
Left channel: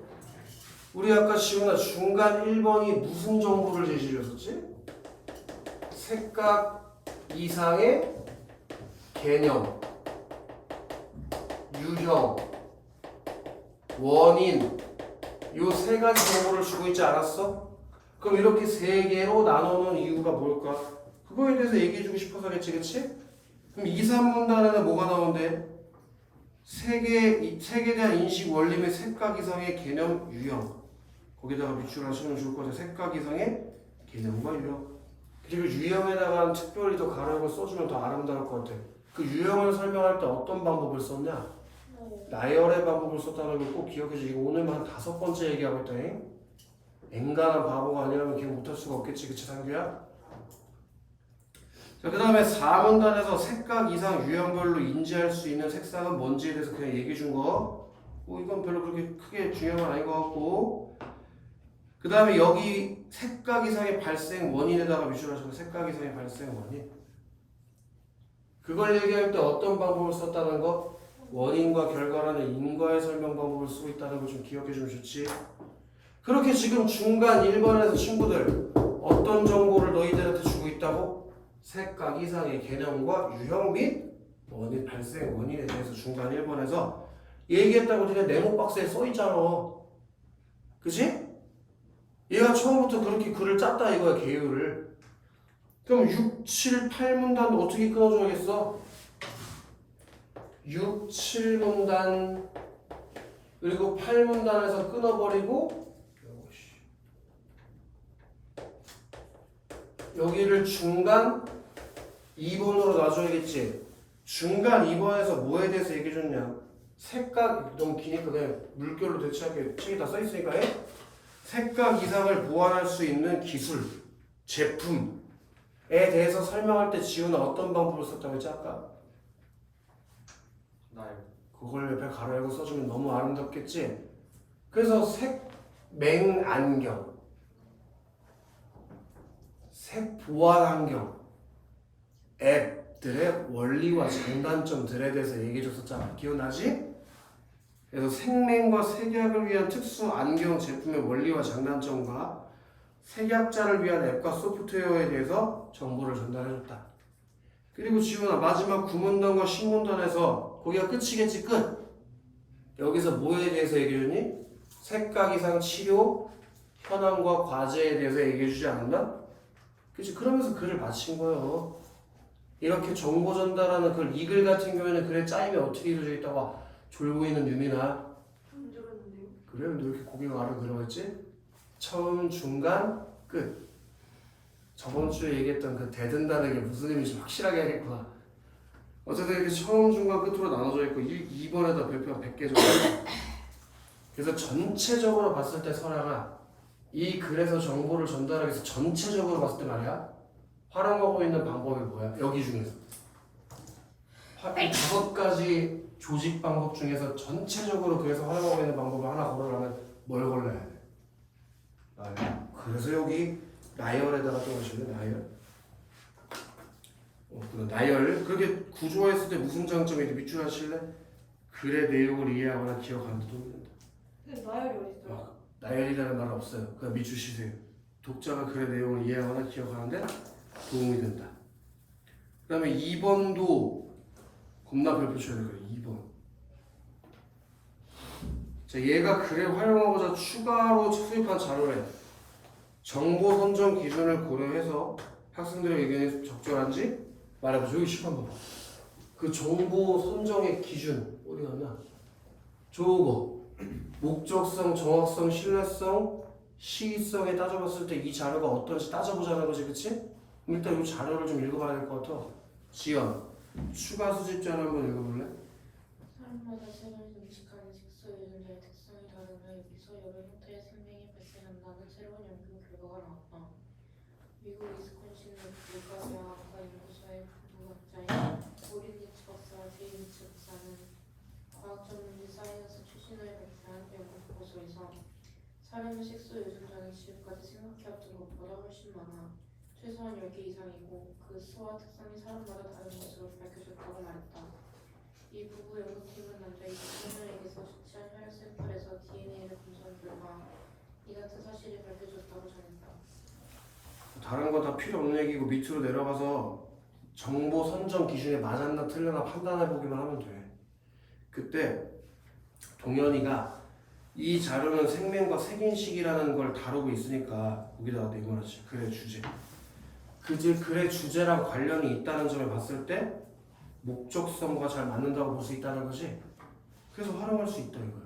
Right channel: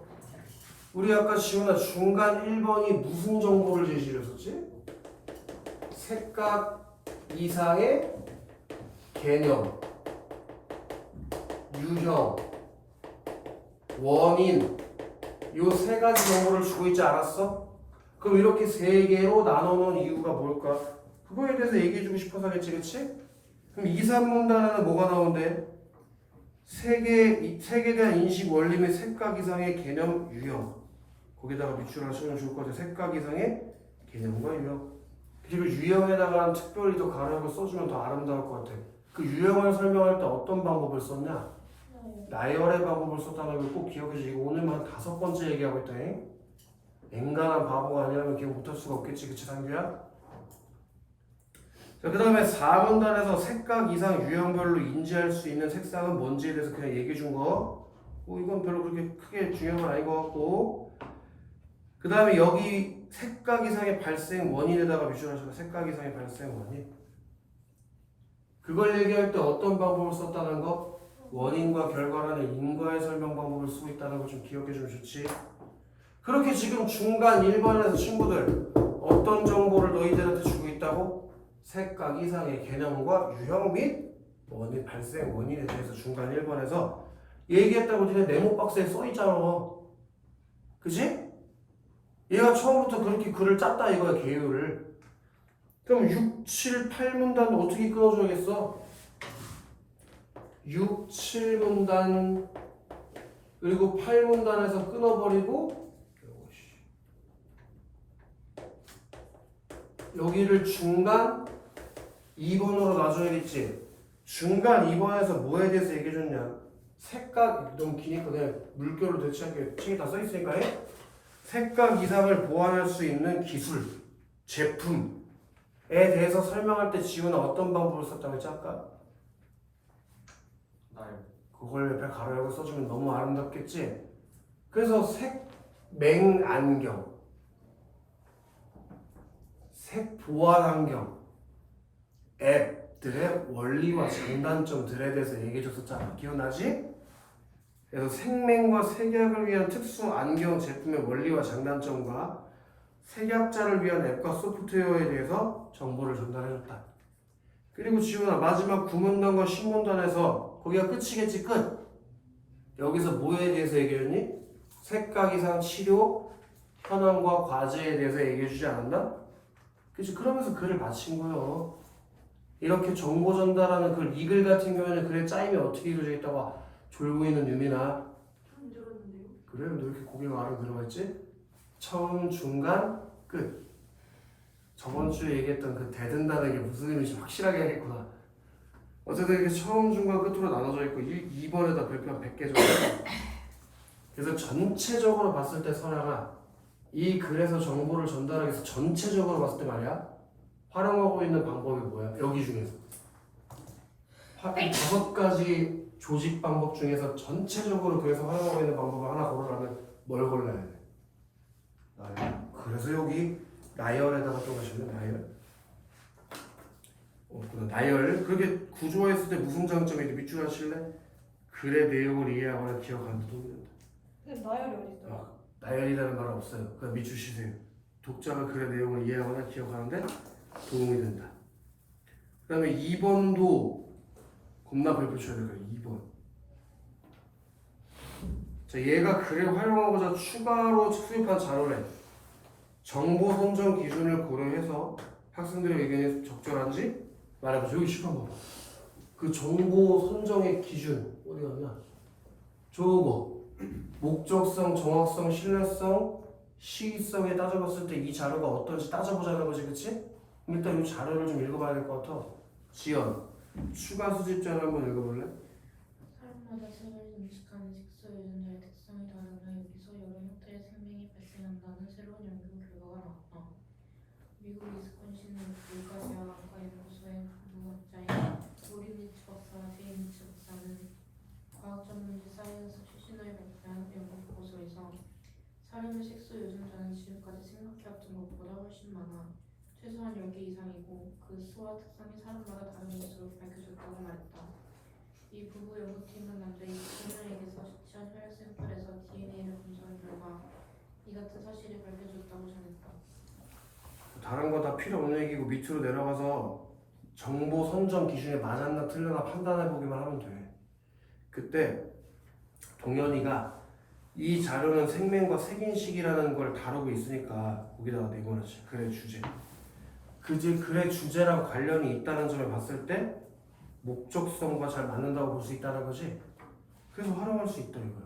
우리 아까 지훈아 중간 1번이 무슨 정보를 제시했었지? 색각 이상의 개념, 유형, 원인 요 세 가지 정보를 주고 있지 않았어? 그럼 이렇게 세 개로 나눠놓은 이유가 뭘까? 그거에 대해서 얘기해주고 싶어서겠지, 그치? 그럼 2, 3문단에는 뭐가 나오는데? 색에 대한 인식 원리 및 색각 이상의 개념, 유형. 거기다가 밑줄 하시면 좋을 것 같아요. 색각 이상의 개념과 유형. 그리고 유형에다가 특별히 더 가로역을 써주면 더 아름다울 것 같아. 그 유형을 설명할 때 어떤 방법을 썼냐? 나열의 방법을 썼다는 걸 꼭 기억해 주시고 오늘만 5번째 얘기하고 있다니. 앵간한 바보가 아니라면 기억 못할 수가 없겠지, 그치 상규야? 자, 그 다음에 4문단에서 색각 이상 유형별로 인지할 수 있는 색상은 뭔지에 대해서 그냥 얘기해 준 거. 이건 별로 그렇게 크게 중요한 건 아닌 것 같고. 그 다음에 여기 색각 이상의 발생 원인에다가 밑줄하셔서 색각 이상의 발생 원인. 그걸 얘기할 때 어떤 방법을 썼다는 거? 원인과 결과라는 인과의 설명 방법을 쓰고 있다는 걸 좀 기억해 주면 좋지. 그렇게 지금 중간 1번에서 친구들 어떤 정보를 너희들한테 주고 있다고? 색각 이상의 개념과 유형 및 원인, 발생 원인에 대해서 중간 1번에서 얘기했다고 니네 네모 박스에 써 있잖아. 그치? 얘가 처음부터 그렇게 글을 짰다 이거야, 개요를. 그럼 6, 7, 8문단 어떻게 끊어줘야겠어? 6, 7문단 그리고 8문단에서 끊어버리고 여기를 중간 2번으로 놔줘야겠지. 중간 2번에서 뭐에 대해서 얘기해줬냐? 색각, 너무 기니까 그냥 물결로 대체하게 책에 다 써있으니까 해? 색각 이상을 보완할 수 있는 기술, 제품에 대해서 설명할 때 지훈은 어떤 방법을 썼다고 했지 아까? 나요. 그걸 옆에 가로역을 써주면 너무 아름답겠지? 그래서 색맹안경, 색보완안경 앱들의 원리와 장단점들에 대해서 얘기해줬었잖아. 기억나지? 그래서 색맹과 색약을 위한 특수 안경 제품의 원리와 장단점과 색약자를 위한 앱과 소프트웨어에 대해서 정보를 전달해줬다. 그리고 지훈아 마지막 9문단과 10문단에서 거기가 끝이겠지, 끝. 여기서 뭐에 대해서 얘기해줬니? 색각 이상 치료 현황과 과제에 대해서 얘기해주지 않았나? 그치? 그러면서 글을 마친 거예요. 이렇게 정보 전달하는 글, 이 글 같은 경우에는 글에 짜임이 어떻게 이루어져 있다고 졸고 있는 유미나. 안 들었는데요? 그래? 너 이렇게 고개가 아래 들어갔지? 처음, 중간, 끝. 저번 주에 얘기했던 그 대든다는 게 무슨 의미인지 확실하게 하겠구나. 어쨌든 이렇게 처음, 중간, 끝으로 나눠져 있고 2번에다 별표 100개 정도. 그래서 전체적으로 봤을 때 설아가 이 글에서 정보를 전달하기 위해서 전체적으로 봤을 때 말이야 활용하고 있는 방법이 뭐야? 여기 중에서 이 5가지 조직 방법 중에서 전체적으로 그래서 활용하고 있는 방법을 하나 고르라면 뭘 골라야 돼? 나열. 그래서 여기 나열에다가 또 하실래? 나열. 나열. 그렇게 구조화했을 때 무슨 장점이 있는지 밑줄 하실래? 글의 내용을 이해하거나 기억하는 데 도움이 된다. 근데 나열이 어딨어요? 나열이라는 말은 없어요. 그냥 밑줄 치세요. 독자가 글의 내용을 이해하거나 기억하는데 도움이 된다. 그 다음에 2번도 겁나 별표 쳐야 돼요. 2번. 자, 얘가 글을 활용하고자 추가로 수입한 자료래. 정보 선정 기준을 고려해서 학생들의 의견이 적절한지 말해보죠. 여기 10번 봐봐. 그 정보 선정의 기준 어디 갔나? 저거 목적성, 정확성, 신뢰성, 시기성에 따져봤을 때 이 자료가 어떤지 따져보자는 거지, 그치? 일단 이 자료를 좀 읽어봐야 될 것 같아. 지연, 추가 수집자를 한번 읽어볼래? 사람마다 색을 인식하는 색소 유전자의 특성이 다르며 여기서 여러 형태의 생명이 발생한다는 새로운 연구 결과가 나왔다. 미국 위스콘신 율가대학과 연구소의 부부학자인 오린 리츠 박사와 제이 리츠 박사는 과학 전문지 사이언스 최신호에 발표한 연구 보고서에서 사람의 색소 유전자는 지금까지 생각해왔던 것보다 훨씬 많아 최소한 10개 이상이고 그 수와 특성이 사람마다 다른 것으로 밝혀졌다고 말했다. 이 부부 연구팀은 남자 27명에게서 채취한 혈액 샘플에서 DNA를 분석한 결과 이 같은 사실이 밝혀졌다고 전했다. 다른 거 다 필요 없는 얘기고 밑으로 내려가서 정보 선정 기준에 맞았나 틀렸나 판단해 보기만 하면 돼. 그때 동현이가 이 자료는 생명과 색인식이라는 걸 다루고 있으니까 거기다가 내보내지. 글의 주제. 글의 주제랑 관련이 있다는 점을 봤을 때 목적성과 잘 맞는다고 볼 수 있다는 거지. 그래서 활용할 수 있다 이거야.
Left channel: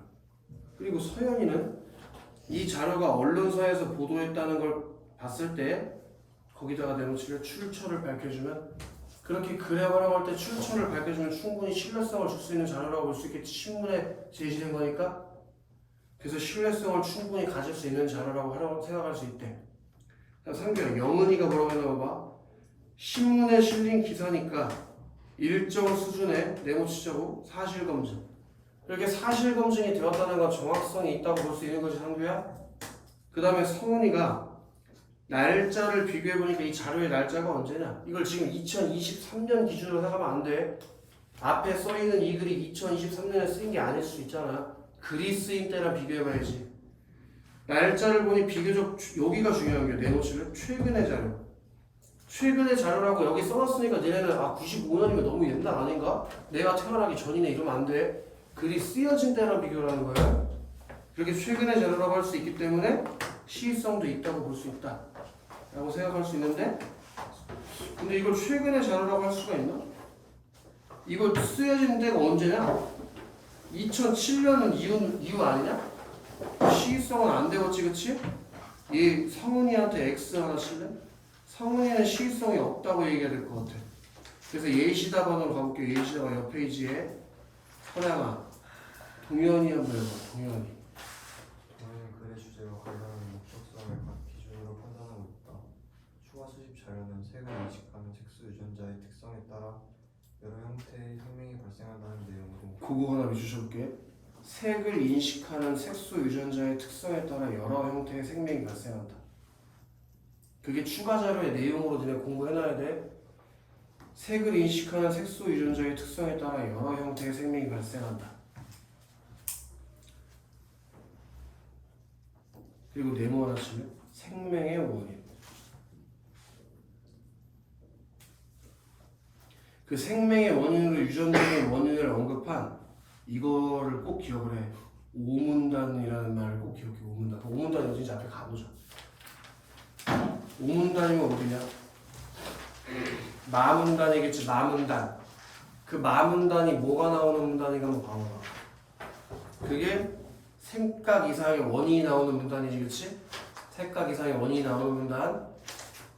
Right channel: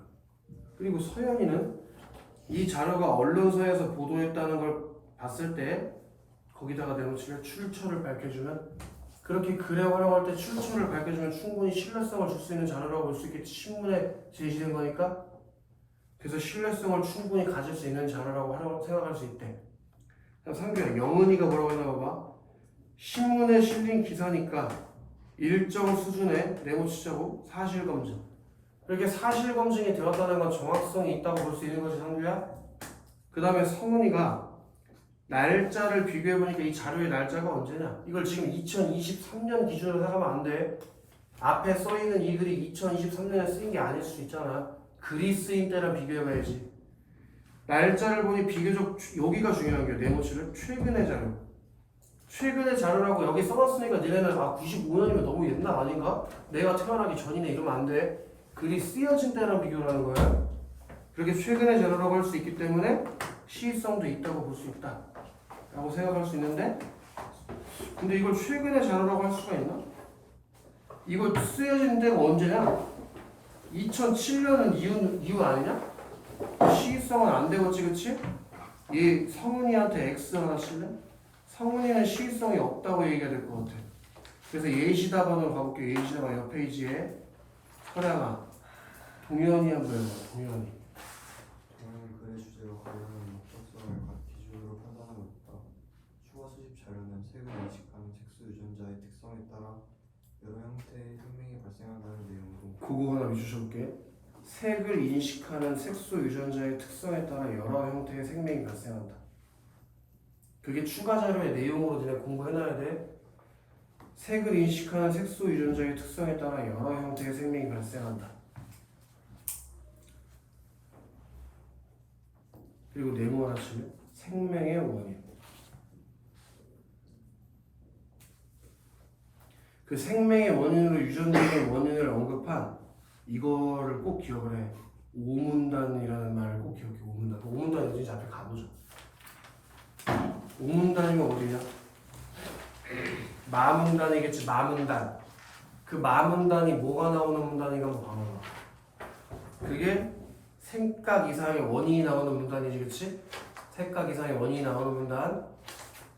그리고 서연이는 이 자료가 언론사에서 보도했다는 걸 봤을 때 거기다가 내놓치를 출처를 밝혀주면 그렇게 글에 활용할 때 출처를 밝혀주면 충분히 신뢰성을 줄 수 있는 자료라고 볼 수 있겠지. 신문에 제시된 거니까. 그래서 신뢰성을 충분히 가질 수 있는 자료라고 생각할 수 있대. 3개월 영은이가 뭐라고 했나 봐봐. 신문에 실린 기사니까 일정 수준의 네모치자고 사실검증. 이렇게 사실검증이 되었다는 건 정확성이 있다고 볼 수 있는 것이 상규야. 그 다음에 성은이가 날짜를 비교해보니까 이 자료의 날짜가 언제냐. 이걸 지금 2023년 기준으로 생각하면 안 돼. 앞에 써있는 이 글이 2023년에 쓰인 게 아닐 수 있잖아. 글이 쓰인 때랑 비교해봐야지. 날짜를 보니 비교적 여기가 중요한 게 네모치를 최근의 자료. 최근의 자료라고 여기 써놨으니까 니네는 95년이면 너무 옛날 아닌가? 내가 태어나기 전이네 이러면 안 돼. 글이 쓰여진 때랑 비교를 하는 거야. 그렇게 최근의 자료라고 할 수 있기 때문에 시의성도 있다고 볼 수 있다 라고 생각할 수 있는데 근데 이걸 최근의 자료라고 할 수가 있나? 이거 쓰여진 데가 언제냐? 2007년은 이유 아니냐? 시의성은 안 되겠지, 그치? 이 성은이한테 X 하나 칠래? 성은이는 시의성이 없다고 얘기해야 될 것 같아. 그래서 예시답안으로 가볼게요. 예시답안 옆 페이지에 서량아, 동현이 한번 해봐. 동현이. 동현이 글의 주제와 관련한 목적성을 각 기준으로 판단하고 있다. 추가 수집 자료는 색을 인식하는 색소 유전자의 특성에 따라 여러 형태의 생명이 발생한다는 내용으로 그거 하나 해주셔볼게. 색을 인식하는 색소 유전자의 특성에 따라 여러 형태의 생명이 발생한다. 그게 추가 자료의 내용으로 니네 공부해놔야 돼. 색을 인식하는 색소 유전자의 특성에 따라 여러 형태의 생명이 발생한다. 그리고 네모 하나 치면 생명의 원인. 그 생명의 원인으로 유전적인 원인을 언급한 이거를 꼭 기억을 해. 오문단이라는 말을 꼭 기억해. 오문단. 오문단이 어딘지 앞에 가보자. 오문단이면 어디냐? 마문단이겠지. 마문단. 그 마문단이 뭐가 나오는 문단인가 한번 봐봐. 그게 생각 이상의 원인이 나오는 문단이지, 그치? 생각 이상의 원인이 나오는 문단.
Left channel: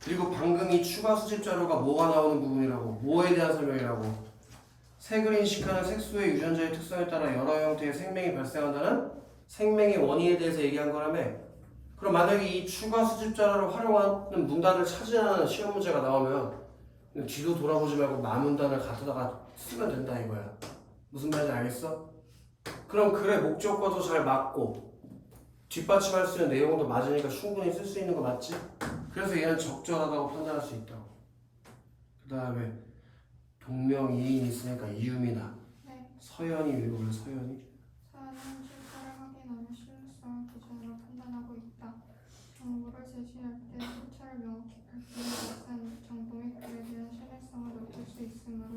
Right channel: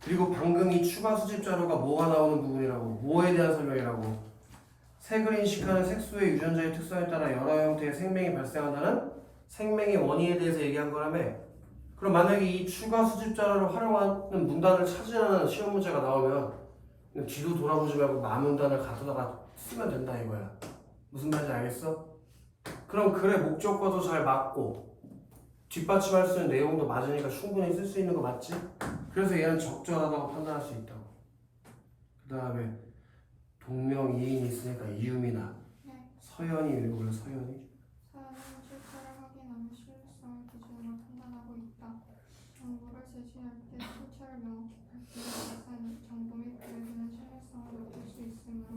그리고 방금 이 추가 수집 자료가 뭐가 나오는 부분이라고, 뭐에 대한 설명이라고. 색을 인식하는 색소의 유전자의 특성에 따라 여러 형태의 생명이 발생한다는 생명의 원인에 대해서 얘기한 거라며. 그럼 만약에 이 추가 수집 자료를 활용하는 문단을 찾으라는 시험 문제가 나오면 그냥 뒤도 돌아보지 말고 마문단을 갖다가 쓰면 된다 이거야. 무슨 말인지 알겠어? 그럼 글의 목적과도 잘 맞고 뒷받침할 수 있는 내용도 맞으니까 충분히 쓸 수 있는 거 맞지? 그래서 얘는 적절하다고 판단할 수 있다고. 그 다음에 동명이인이 있으니까 이유미나 네. 서연이 읽어볼래? 서연이? 사연은 출처를 확인하며 신뢰성을 기준으로 판단하고 있다. 정보를 제시할 때 출처를 명확히 밝히는 것은 정보 및 글에 대한 신뢰성을 높일 수 있으므로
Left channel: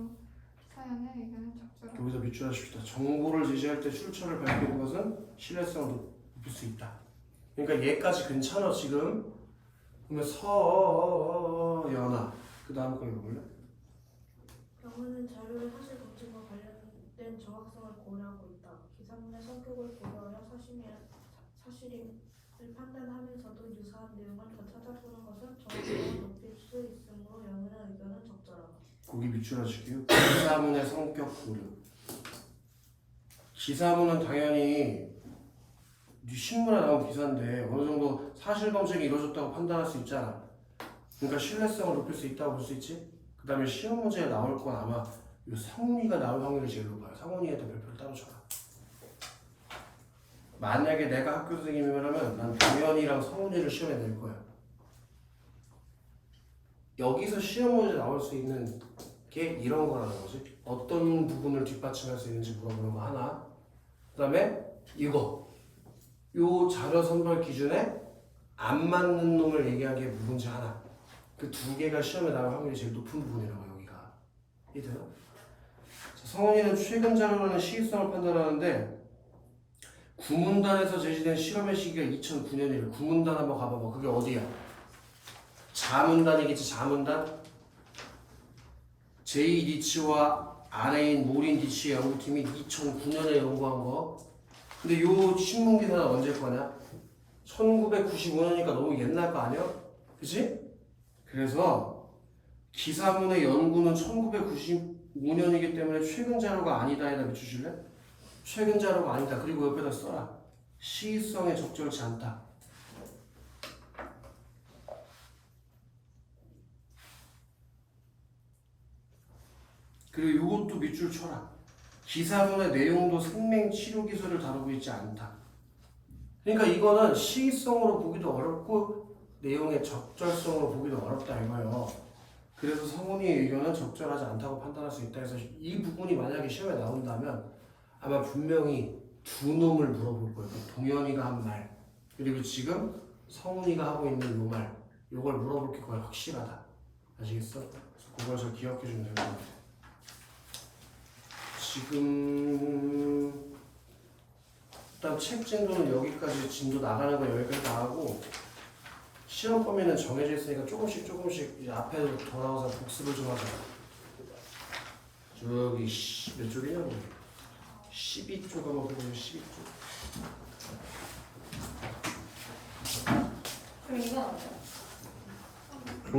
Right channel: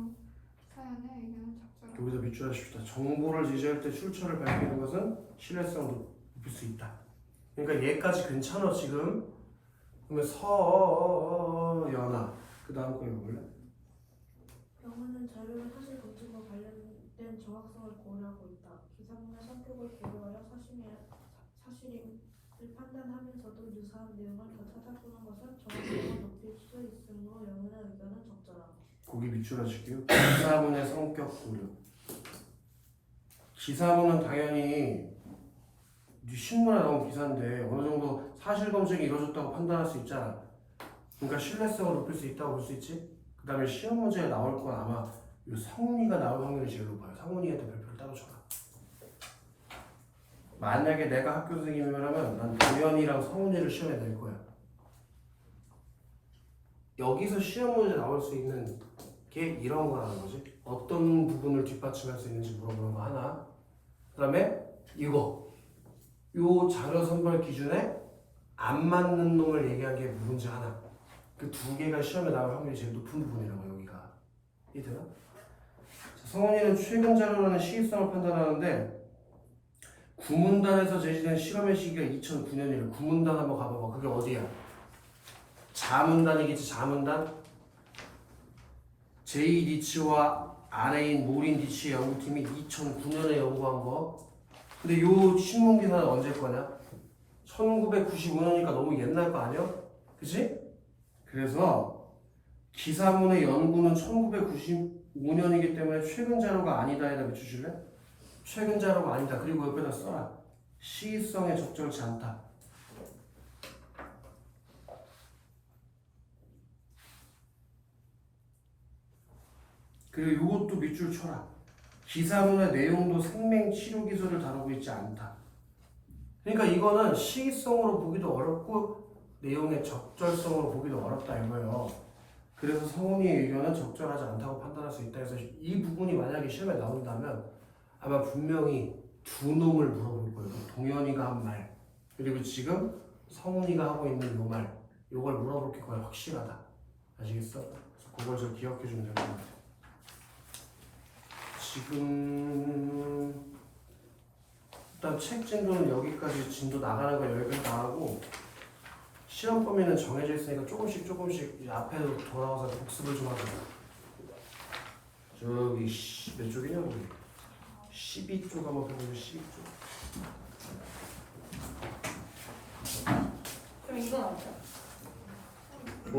사연의 의견은 적절하다. 여기서 밑줄 하십시다. 정보를 제시할 때 출처를 밝히는 것은 신뢰성을 높일 수 있다. 그러니까 얘까지 괜찮아 지금. 그러면 서연아 그 다음 거 읽어볼래? 영어는 자료의 사실 검증과 관련된 정확성을 고려하고 있다. 기사문의 성격을 비교하여 사실임을 판단하면서도 유사한 내용을 더 찾아보는 것은 정확성을 높일 수 있으므로 영어의 의견은 적절하다. 거기 밑줄 하실게요. 기사문의 성격 고려. 기사문은 당연히 네 신문에 나온 기사인데 어느 정도 사실 검증이 이루어졌다고 판단할 수 있잖아. 그러니까 신뢰성을 높일 수 있다고 볼 수 있지. 그 다음에 시험 문제에 나올 건 아마 요 상훈이가 나올 확률이 제일 높아요. 상훈이한테 별표를 따로 쳐라. 만약에 내가 학교 선생님이라면 난 동현이랑 성훈이를 시험에 낼 거야. 여기서 시험 문제 나올 수 있는 게 이런 거라는 거지. 어떤 부분을 뒷받침할 수 있는지 물어보는 거 하나. 그 다음에 이거 요 자료 선발 기준에 안 맞는 놈을 얘기한 게 문제 하나. 그 두 개가 시험에 나올 확률이 제일 높은 부분이라고 여기가. 이해되나? 자, 성훈이는 최근 자료라는 시기성을 판단하는데 구문단에서 제시된 실험의 시기가 2009년이래. 구문단 한번 가봐봐. 그게 어디야? 자문단이겠지. 자문단. 제이 리치와 아래인 모린 리치의 연구팀이 2009년에 연구한 거. 근데 요 신문 기사는 언제 거냐? 1995년이니까 너무 옛날 거 아니야? 그치? 그래서 기사문의 연구는 1995년이기 때문에 최근 자료가 아니다에다 밑주실래? 최근 자료가 아니다. 그리고 옆에다 써라. 시의성에 적절치 않다. 그리고 이것도 밑줄 쳐라. 기사문의 내용도 생명치료 기술을 다루고 있지 않다. 그러니까 이거는 시의성으로 보기도 어렵고 내용의 적절성으로 보기도 어렵다 이거예요. 그래서 성훈이의 의견은 적절하지 않다고 판단할 수 있다 해서 이 부분이 만약에 시험에 나온다면 아마 분명히 두 놈을 물어볼 거예요. 동현이가 한 말 그리고 지금 성훈이가 하고 있는 요 말 요걸 물어볼 게 거의 확실하다. 아시겠어? 그래서 그걸 저 기억해 주면 될 것 같아요. 지금 일단 책 진도는 여기까지 진도 나가는 거 여기까지 나가고 시험 범위는 정해져 있으니까 조금씩 이제 앞에 돌아와서 복습을 좀 하자. 저기 몇 쪽이냐? 12쪽 한번 펴보세요. 12쪽. 그럼 이건 어때요?